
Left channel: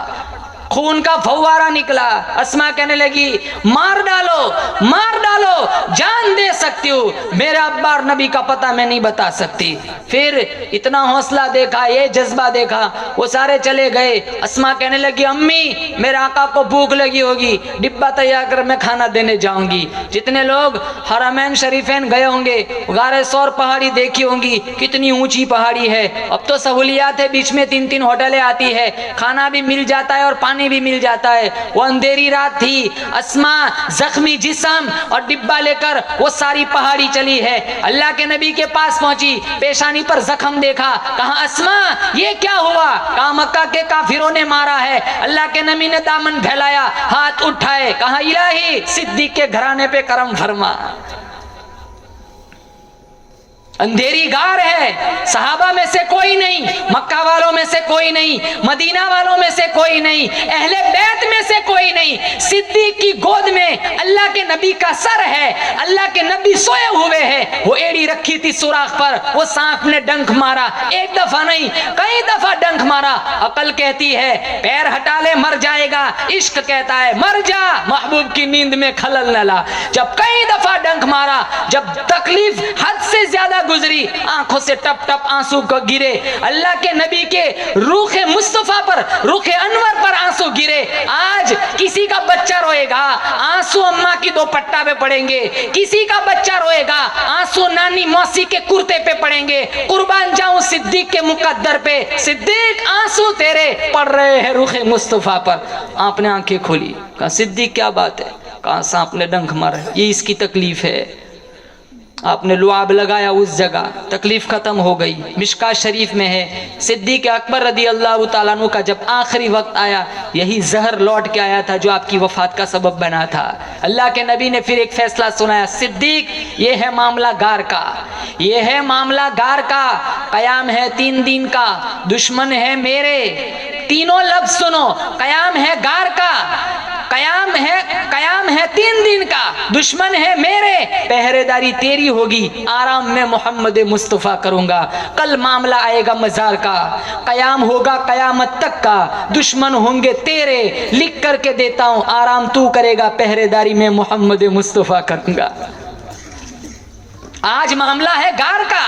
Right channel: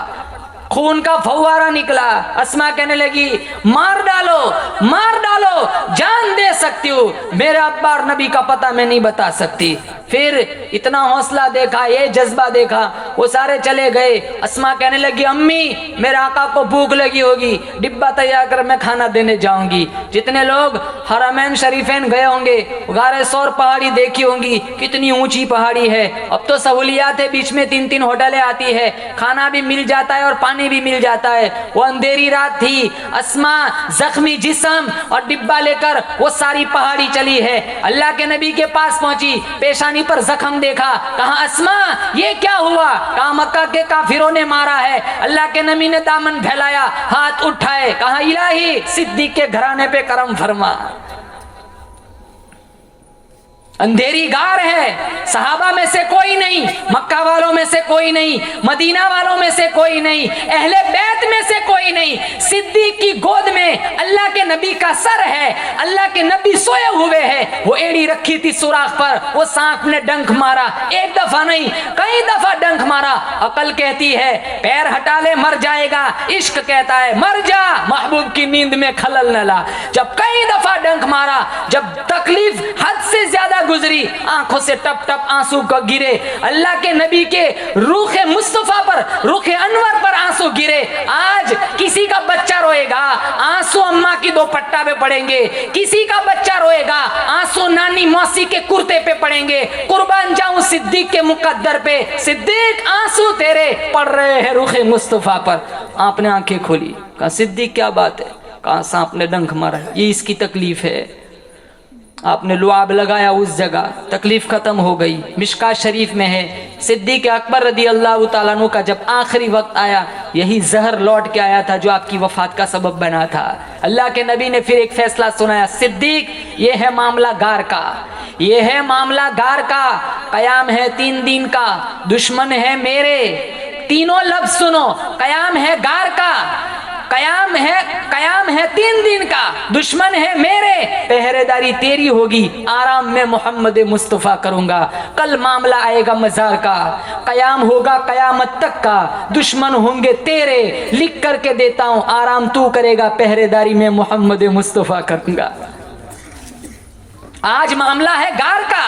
खून का फव्वारा निकला। अस्मा कहने लगी मार डालो, मार डालो, जान दे सकती हूँ, मेरे अब्बा और नबी का पता मैं नहीं बता सकती। फिर इतना हौसला देखा, ये जज्बा देखा, वो सारे चले गए। अस्मा कहने लगी अम्मी मेरे आका को भूख लगी होगी, डिब्बा तैयार कर, मैं खाना देने जाऊंगी। जितने लोग हरमैन शरीफैन गए होंगे, गारे सौर पहाड़ी देखी होंगी, कितनी ऊंची पहाड़ी है। अब तो सहूलियात है, बीच में 3-3 होटलें आती है, खाना भी मिल जाता है और पानी भी मिल जाता है। वो अंधेरी रात थी, अस्मा जख्मी जिस्म और डिब्बा लेकर वो सारी पहाड़ी चली है। अल्लाह के नबी के पास पहुंची, पेशानी पर जख्म देखा, कहा अस्मा ये क्या हुआ? कहा मक्का के काफिरों ने मारा है। अल्लाह के नबी ने दामन फैलाया, हाथ उठाए, कहा इलाही सिद्दीक के घराने पे करम फरमा। अंधेरी गार है, सहाबा में से कोई नहीं, मक्का वालों में से कोई नहीं, मदीना वालों में से कोई नहीं, अहले बैत में से कोई नहीं। सिद्दीक की गोद में अल्लाह के नबी का सर है, अल्लाह के नबी सोए हुए हैं, वो एड़ी रखी थी सुराख पर, वो सांप ने डंक मारा, एक दफा नहीं कई दफा डंक मारा। अकल कहती है पैर हटा ले मर जाएगा, इश्क कहता है मर जा, महबूब की नींद में खलल न ला। जब कई दफा डंक मारा, जब तकलीफ हद से ज्यादा गुजरी, आंखों से टप टप आंसू गिरे, अल्लाह के नबी के रूखे मुस्तफा पर, रूखे अनवर पर आंसू गिरे। आज किसी का बच्चा रोएगा, आंसू अम्मा की दुपट्टा पे पड़ेंगे, किसी का बच्चा रोएगा, आंसू नानी मौसी के कुर्ते पे पड़ेंगे। कुर्बान जाऊं सिद्दीक के मुकद्दर पे, सिद्दीक आंसू तेरे पड़ रहे हैं रूखे मुस्तफा पर। आपने आंखें खोली, कहा सिद्दीक क्या बात है? कहा सांप ने डंक मारा, ये इसकी तकलीफ है। आपने लुआब लगाया उस जगह, तकलीफ खत्म हो गई। मिशकात शरीफ में है सिद्दीक अकबर रदी अल्लाह तआला अन्हु का जब आखिरी वक्त आया, यही जहर लौट के आया था जो आपकी वफात का सबब बना था। अल्लाह के नबी ने फिर एक फैसला सुनाया, सिद्दीक ये है मामला गार का, ये है मामला गार का, कयाम है 3 दिन का, दुश्मन है मेरे। तीनों लफ्ज सुनो, कयाम है गार का, कयाम है 3 दिन का, दुश्मन है मेरे, पहरेदारी तेरी होगी, आराम में मोहम्मद मुस्तफा करूंगा। कल मामला आएगा मजार का, कयाम होगा कयामत तक का, दुश्मन होंगे तेरे, लिख करके देता हूं, आराम तू करेगा, पहरेदारी में मोहम्मद मुस्तफा करूंगा। आज मामला है गार का,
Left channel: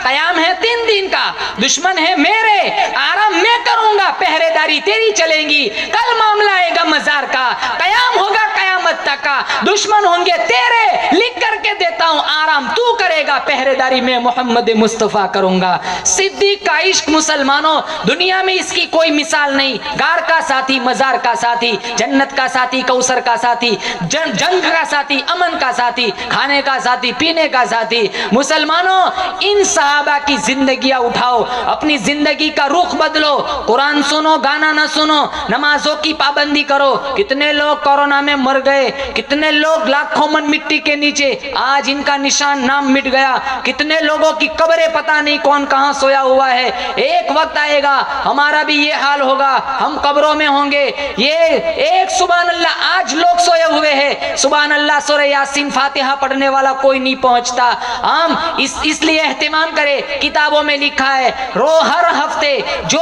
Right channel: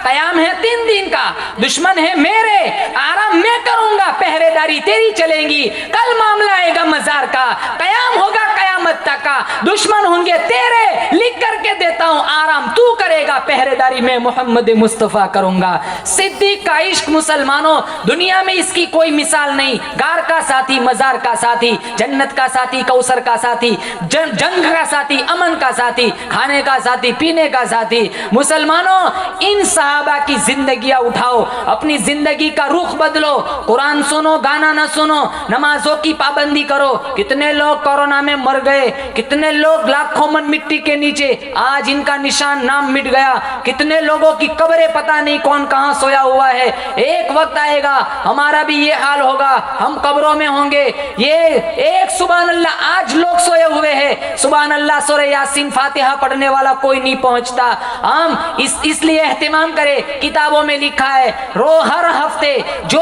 कयाम है 3 दिन का, दुश्मन है मेरे, आराम मैं करूंगा, पहरेदारी तेरी चलेगी। कल मामला आएगा मजार का, कयाम होगा कयामत तक का, दुश्मन होंगे तेरे, लिख करके देता हूं, आराम तू करेगा, पहरेदारी में मोहम्मद मुस्तफा करूंगा। सिद्दीक का इश्क मुसलमानों, दुनिया में इसकी कोई मिसाल नहीं। गार का साथी, मजार का साथी, जन्नत का साथी, कौसर का साथी, जंग का साथी, अमन का साथी, खाने का साथी, पीने का साथी। मुसलमानों इन सहाबा की जिंदगियां उठाओ, अपनी जिंदगी का रुख बदलो, कुरान सुनो, गाना ना सुनो, नमाजों की पाबंदी करो। कितने लोग कोरोना में मर गए, कितने लोग लाखों मन मिट्टी के नीचे, आज इनका निशान नाम मिट गया। कितने लोगों की कब्रें पता नहीं कौन कहां सोया हुआ है। एक वक्त आएगा हमारा भी ये हाल होगा, हम कब्रों में होंगे। ये एक सुभान अल्लाह, आज लोग सोए हुए हैं, सुभान अल्लाह सूरह यासीन फातिहा पढ़ने वाला कोई नहीं पहुंचता। हम इसलिए एहतिमाम करें, किताबों में लिखा है हर हफ्ते जो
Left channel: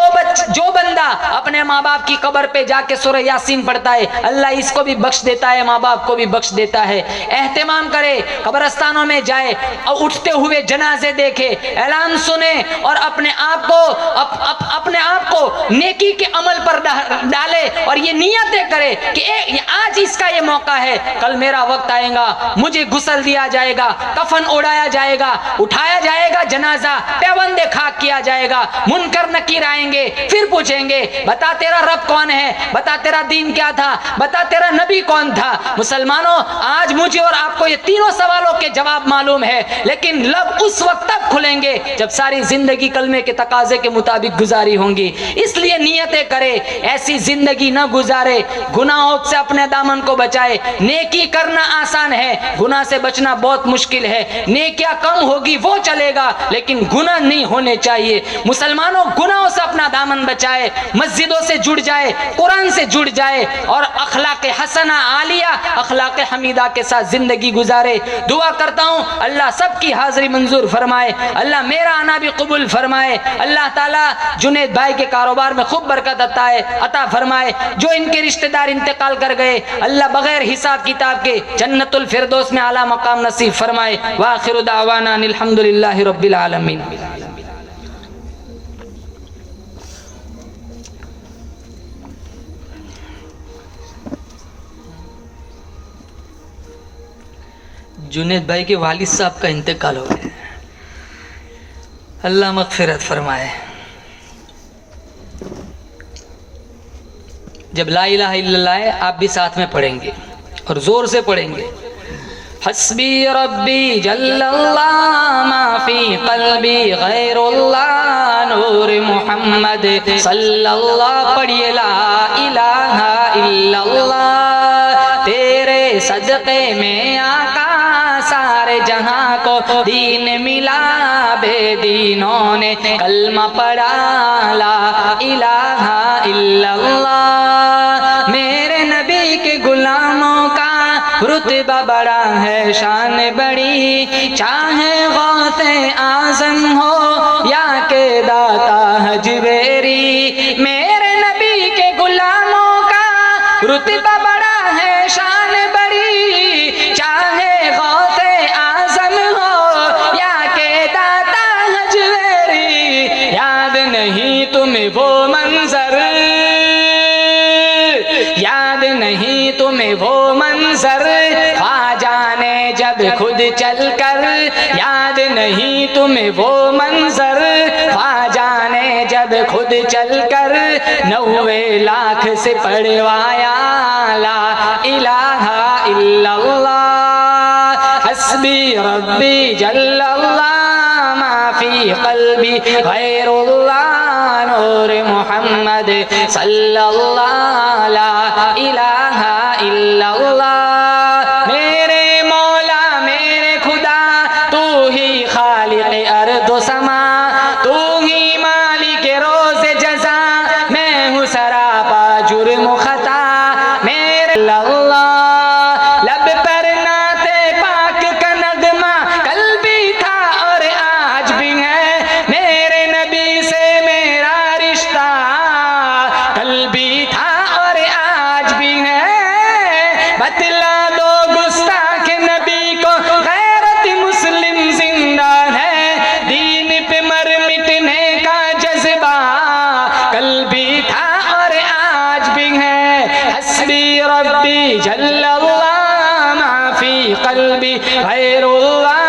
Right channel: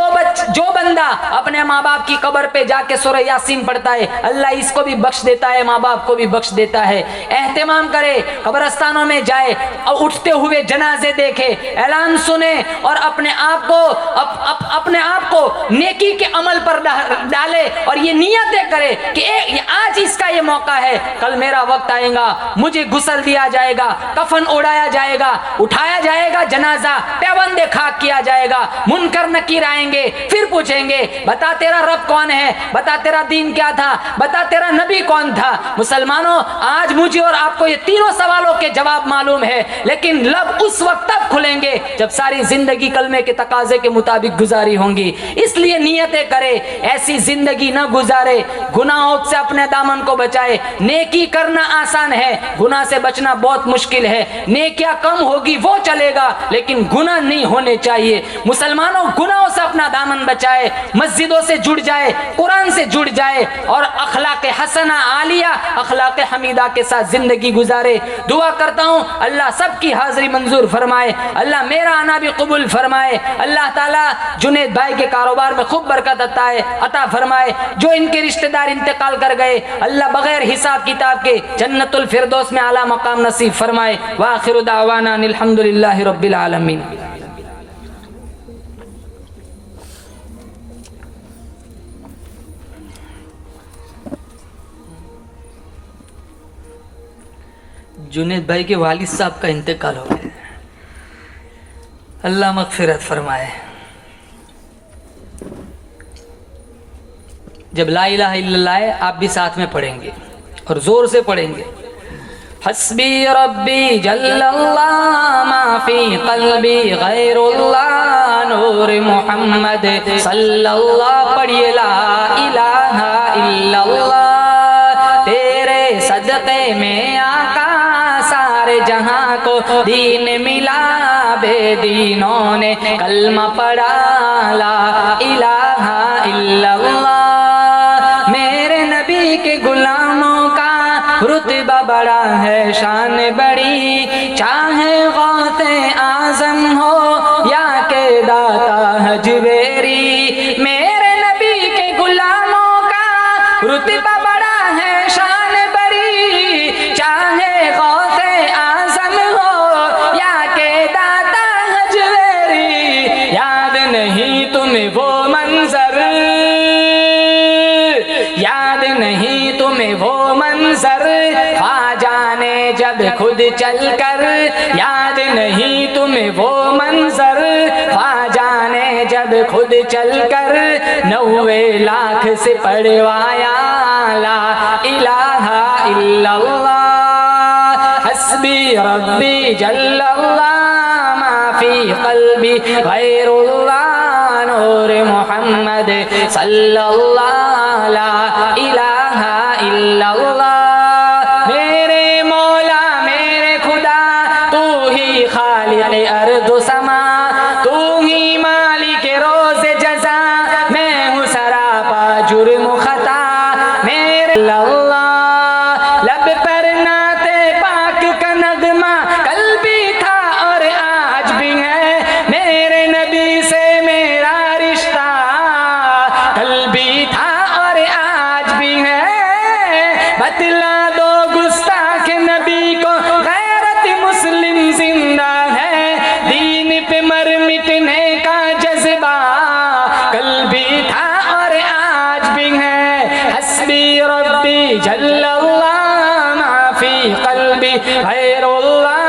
बंदा अपने माँ बाप की कब्र पे जाके सूरह यासीन पढ़ता है, अल्लाह इसको भी बख्श देता है, माँ बाप को भी बख्श देता है। एहतिमाम करे, कब्रस्तानों में जाए और उठ उठते हुए जनाजे देखे, ऐलान सुने और अपने आप को अपने आप को नेकी के अमल पर डाले और ये नियतें करे कि आज इसका ये मौका है, कल मेरा वक्त आएगा, मुझे गुस्ल दिया जाएगा, कफन ओढ़ाया जाएगा, उठाया जाएगा जनाजा, पैबंद खाक किया जाएगा, मुनकर नकीर आएंगे, फिर पूछेंगे बता तेरा रब कौन है, बता तेरा दीन क्या था, बता तेरा नबी कौन था। मुसलमानों, आज मुझे और आपको ये तीनों सवालों के जवाब मालूम है, लेकिन लब उस वक्त तब खुलेंगे जब सारी जिंदगी कलमे के तकाजे के मुताबिक गुजारी होंगी। इसलिए नियतें करे, ऐसी जिंदगी न गुजारे, गुनाहों से अपने दामन को बचाए। नेकी करना आसान है, गुनाह से बचना बहुत मुश्किल है। नेकियां कम होगी वो चलेगा, लेकिन गुनाह नहीं होने चाहिए। मुसलमानों, गुनाहों से अपना दामन बचाए, मस्जिदों से जुड़ जाए, कुरान से जुड़ जाए और अखलाक हसना आलिया, अखलाक हमीदा के साथ जिंदगी गुजारे। दुआ करता हूं अल्लाह सबकी हाजिरी मंजूर फरमाए, अल्लाह मेरा आना भी कबूल फरमाए। अल्लाह ताला जुनैद भाई के कारोबार में खूब बरकत अता फरमाए। जो इनके रिश्तेदार इंतकाल कर गए, अल्लाह बगैर हिसाब किताब के जन्नतुल फिरदौस में आला मकाम नसीब फरमाए। व आखिरु दावाना अल्हम्दुलिल्लाहि रब्बिल आलमीन। जुनैद भाई के वालिद साहब का इंतकाल हो गया, अल्लाह मगफिरत फरमाए। जब ला इलाहा इल्लल्लाह है, आप भी साथ में पढ़ेंगे और जोर से पढ़ेंगे। हस्बी रब्बी जल्लल्लाह मा फी क़ल्बी गैरुल्लाह नूर मोहम्मद सल्लल्लाह। पढ़िए ला इलाहा इल्लल्लाह, तेरे सदक़े में आका सारे जहां को दीन मिला, बेदीनों ने कलमा पढ़ा ला इलाहा इल्लल्लाह। मेरे नबी के गुलामों का रुतबा बड़ा है, शान बड़ी, चाहे गौसे आजम हो या के दाता हजवेरी। मेरे नबी के गुलामों का रुतबा बड़ा है, शान बड़ी, चाहे गौसे आजम हो या के दाता हजवेरी। याद नहीं तुम्हें वो मंजर, याद नहीं तुम्हें वो मंजर, ख्वाजा ने जब खुद चलकर, याद नहीं तुम्हें वो मंजर, ख्वाजा ने जब खुद चलकर 90 लाख से पढ़वाया ला इलाहा इल्लल्लाह। हस्बी रब्बी जल्लल्लाह मा फी क़ल्बी गैरुल्लाह नूर मोहम्मद सल्लल्लाह ला इलाहा इल्लल्लाह। मेरे मौला मेरे खुदा, तू ही खालिक अर्द समा, तू ही मालिक रोज़ जज़ा, मैं हूँ सरापा जुर्म खता। मेरे अल्लाह लब पर नाते पाक का नगमा, कल भी था और आज भी है। मेरे नबी से मेरा रिश्ता, कल भी था और आज भी है। बतला दो गुस्ताख नबी को, गैरत मुस्लिम जिंदा है, दीन पे मर मिटने का जज्बा, कल भी था और आज भी है। हस्बी रब्बी जल्लल्लाह मा फी क़ल्बी गैरुल्लाह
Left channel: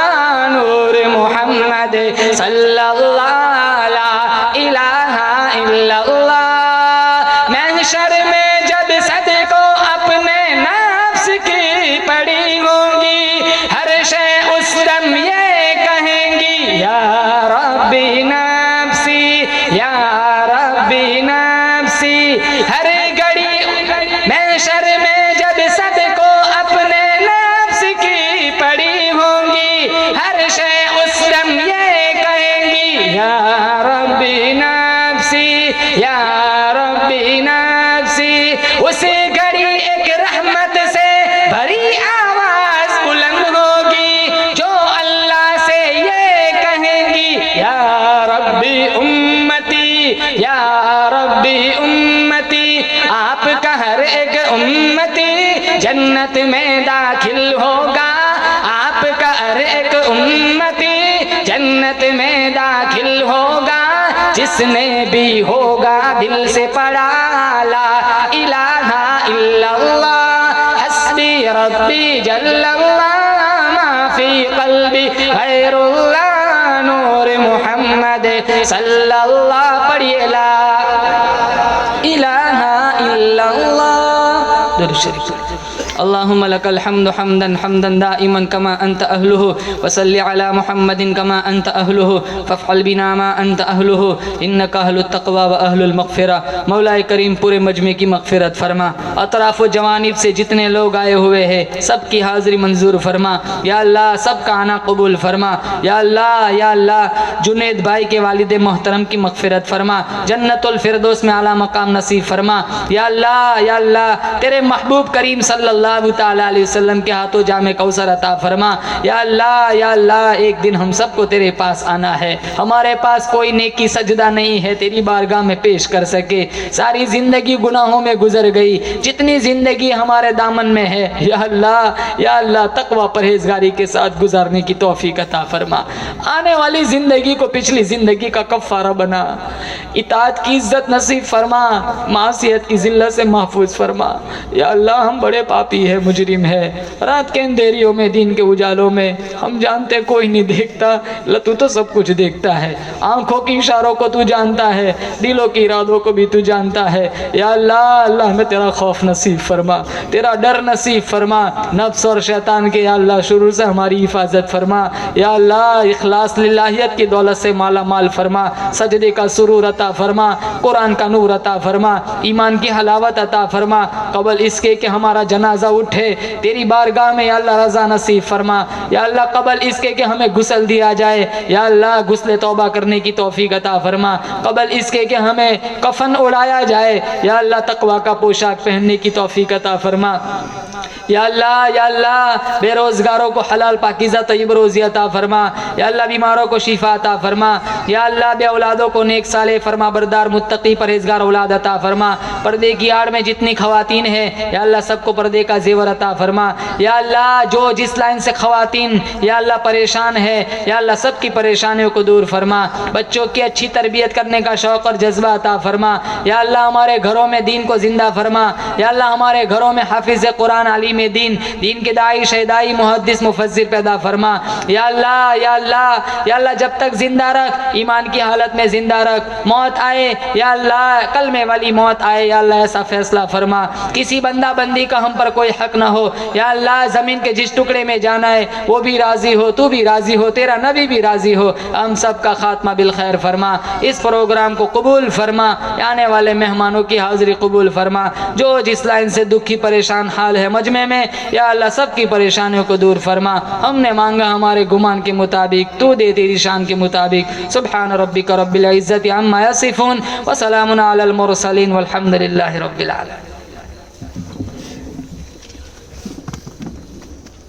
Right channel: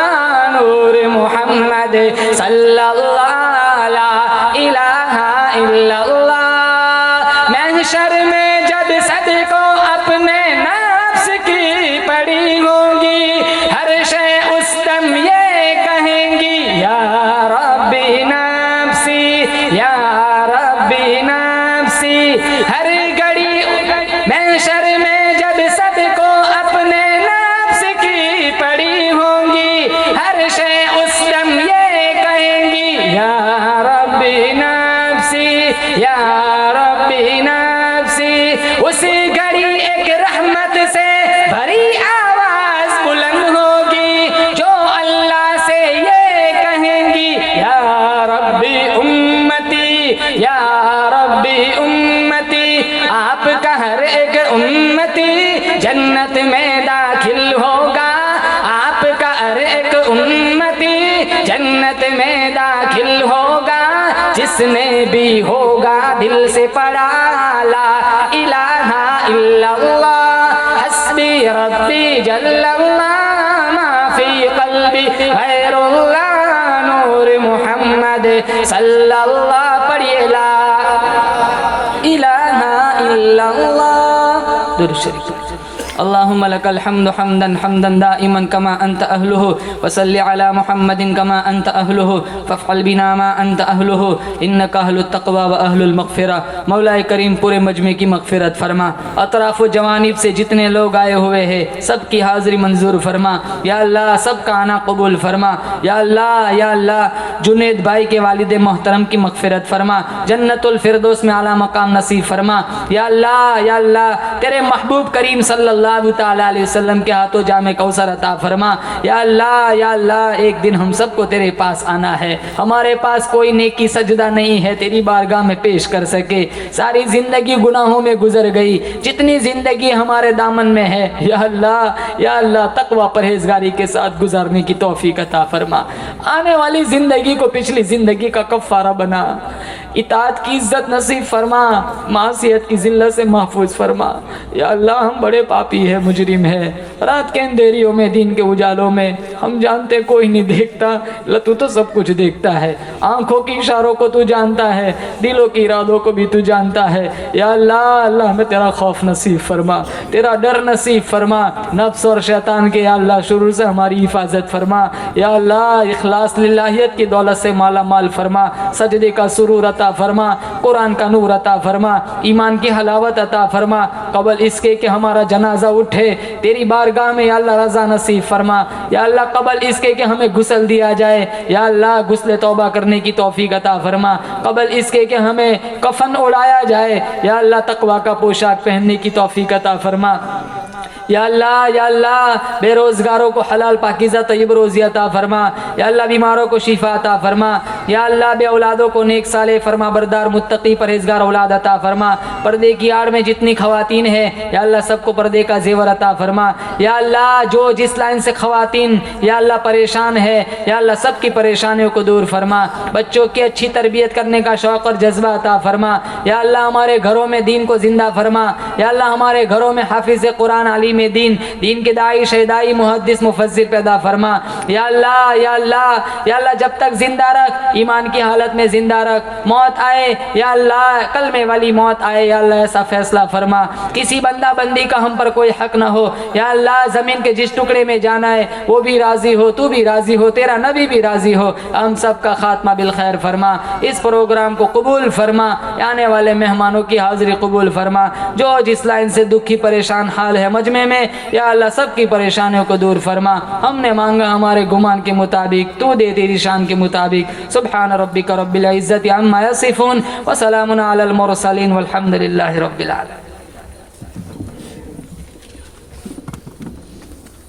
नूर मोहम्मद सल्लल्लाह ला इलाहा इल्लल्लाह। महशर में जब सदको अपने नफ्स की पड़ी होगी, हर शय उस दम ये कहेंगी या रब्बी नफ्सी, या रब्बी नफ्सी। हर घड़ी महशर में जब सबको अपने नफ्स की पड़ी होगी, हर शय उस दम ये कहेंगी या रब्बी नफ्सी, या रब्बी नफ्सी। उसी घड़ी एक रहमत से भरी आवाज बुलंद होगी, जो अल्लाह से ये कहेंगी या रब्बी उम्मती, या रब्बी उम्मती। आपका हर एक उम्मती जन्नत में दाखिल होगा, आपका हर एक उम्मती जिसमें भी होगा दिल से पढ़ा ला इलाहा इल्लल्लाह हस्बी रब्बी जल्लल्लाह मा फी कल्बी गैरुल्लाह नूर मोहम्मद सल्लल्लाह पढ़िए ला इलाहा इल्लल्लाह। दुरूद शरीफ। अल्लाहुम्मा लकल हम्दु हम्दन हम्दन दाइमन कमा अंत अहलुहु वसल्लि अला मुहम्मदिन कमा अंत अहलुहु फफ़अल बिना मा अंत अहलुहु इन्नका अहलुत तक़वा व अहलुल मग़फ़िरा। मौलाए करीम पूरे मजमे की मग़फ़िरत फरमा, अतराफ़ व जवानीब से जितने लोग आए हुए हैं सब की हाज़िरी मंजूर फरमा या अल्लाह, सबका आना कबूल फरमा या अल्लाह। या अल्लाह जुनैद भाई के वालिद मोहतरम की मग़फ़िरत फरमा, जन्नतुल फ़िरदौस में आला मकाम नसीब फरमा या अल्लाह। या अल्लाह तेरे महबूब करीम सल्लल्लाहु ताला अलैहि वसल्लम के हाथों जामे कौसर अता फरमा या अल्लाह। या अल्लाह एक दिन हम सबको तेरे पास आना है, हमारे पास कोई नेकी सजदा नहीं है तेरी बारगाह में पेश कर सके। सारी जिंदगी गुनाहों में गुजर गई, जितनी जिंदगी हमारे दामन में है या अल्लाह। या अल्लाह तकवा परहेजगारी के साथ गुजारने की तौफीक अता फरमा, आने वाली जिंदगी को पिछली जिंदगी का कफ़ारा बना, इताअत की इज्जत नसीब फरमा, मासियत की जिल्लत से महफूज फरमा या अल्लाह। हम बड़े पापी है, मुजरिम है, रात के अंधेरियों में दिन के उजालों में हम जानते कोई नहीं देखता, तू तो सब कुछ देखता है। आंखों की इशारों को तू जानता है, दिलों के इरादों को भी तू जानता है या अल्लाह। अल्लाह हमें तेरा खौफ नसीब फरमा, तेरा डर नसीब फरमा, नफ्स और शैतान के या अल्लाह शुरू से हमारी हिफाजत फरमा या अल्लाह। इखलास लिल्लाहियत की दौलत से माला माल फरमा, सजदे का सुरूर अता फरमा, कुरान का नूर अता फरमा, ईमान की हलावत अता फरमा। कबल इसके कि हमारा जनाजा उठे तेरी बारगाह में या अल्लाह रज़ा नसीब फरमा या अल्लाह। कबल इसके कि हमें गुस्ल दिया जाए या अल्लाह, गुस्ले तौबा करने की तौफीक अता फरमा। कबल इसके कि हमें कफन उड़ाया जाए या अल्लाह, तकवा का पोशाक पहनने की तौफीक अता फरमा या अल्लाह। या अल्लाह बेरोजगारों को हलाल पाकीज़ा तय्यब रोज़ी अता फरमा या अल्लाह। बीमारों को शिफा अता फरमा या अल्लाह। बे औलादों को नेक साले फरमा बरदार मुत्तकी परहेजगार औलाद अता फरमा। पर्दे की आड़ में जितनी खवातीन है या अल्लाह सबको पर्दे का जेवर अता फरमा या अल्लाह। जो जिस लाइन से खवातीन या अल्लाह परेशान है या अल्लाह सबकी परेशानियों को दूर फरमा। बच्चों की अच्छी तरबियत करने का शौक़ और जज्बा अता फरमा या अल्लाह। हमारे घरों में दीन को जिंदा फरमा या अल्लाह। हमारे घरों में हाफिज़ कुरान आलिम में दीन के दाई शहदाई मुहद्दिस मुफस्सिर पैदा फरमा या अल्लाह। या अल्लाह। या अल्लाह जब तक जिंदा रख, ईमान की हालत में जिंदा रख, मौत आए या अल्लाह, कलमे वाली मौत आए या अल्लाह, ऐसा फैसला फरमा किसी बंदा बंदी का हम पर कोई हक ना हो या अल्लाह। जमीन के जिस टुकड़े में जाना है वो भी राजी हो, तू भी राजी हो, तेरा नबी भी राजी हो, हम सब का खात्मा बिल खैर फरमा। इस प्रोग्राम को कबूल फरमा, आने वाले मेहमानों की हाजिरी कबूल फरमा। जो जिस लाइन से दुखी परेशान हाल है मजमे में या अल्लाह सबकी परेशानियों को दूर फरमा। हमने मांगा हमारे गुमान के मुताबिक, तू दे तेरी शान के मुताबिक। सुब्हान रब्बिका रब्बिल इज्जति अम्मा यसिफून व सलामुन अलल मुरसलीन वल्हम्दुलिल्लाहि रब्बिल आलमीन।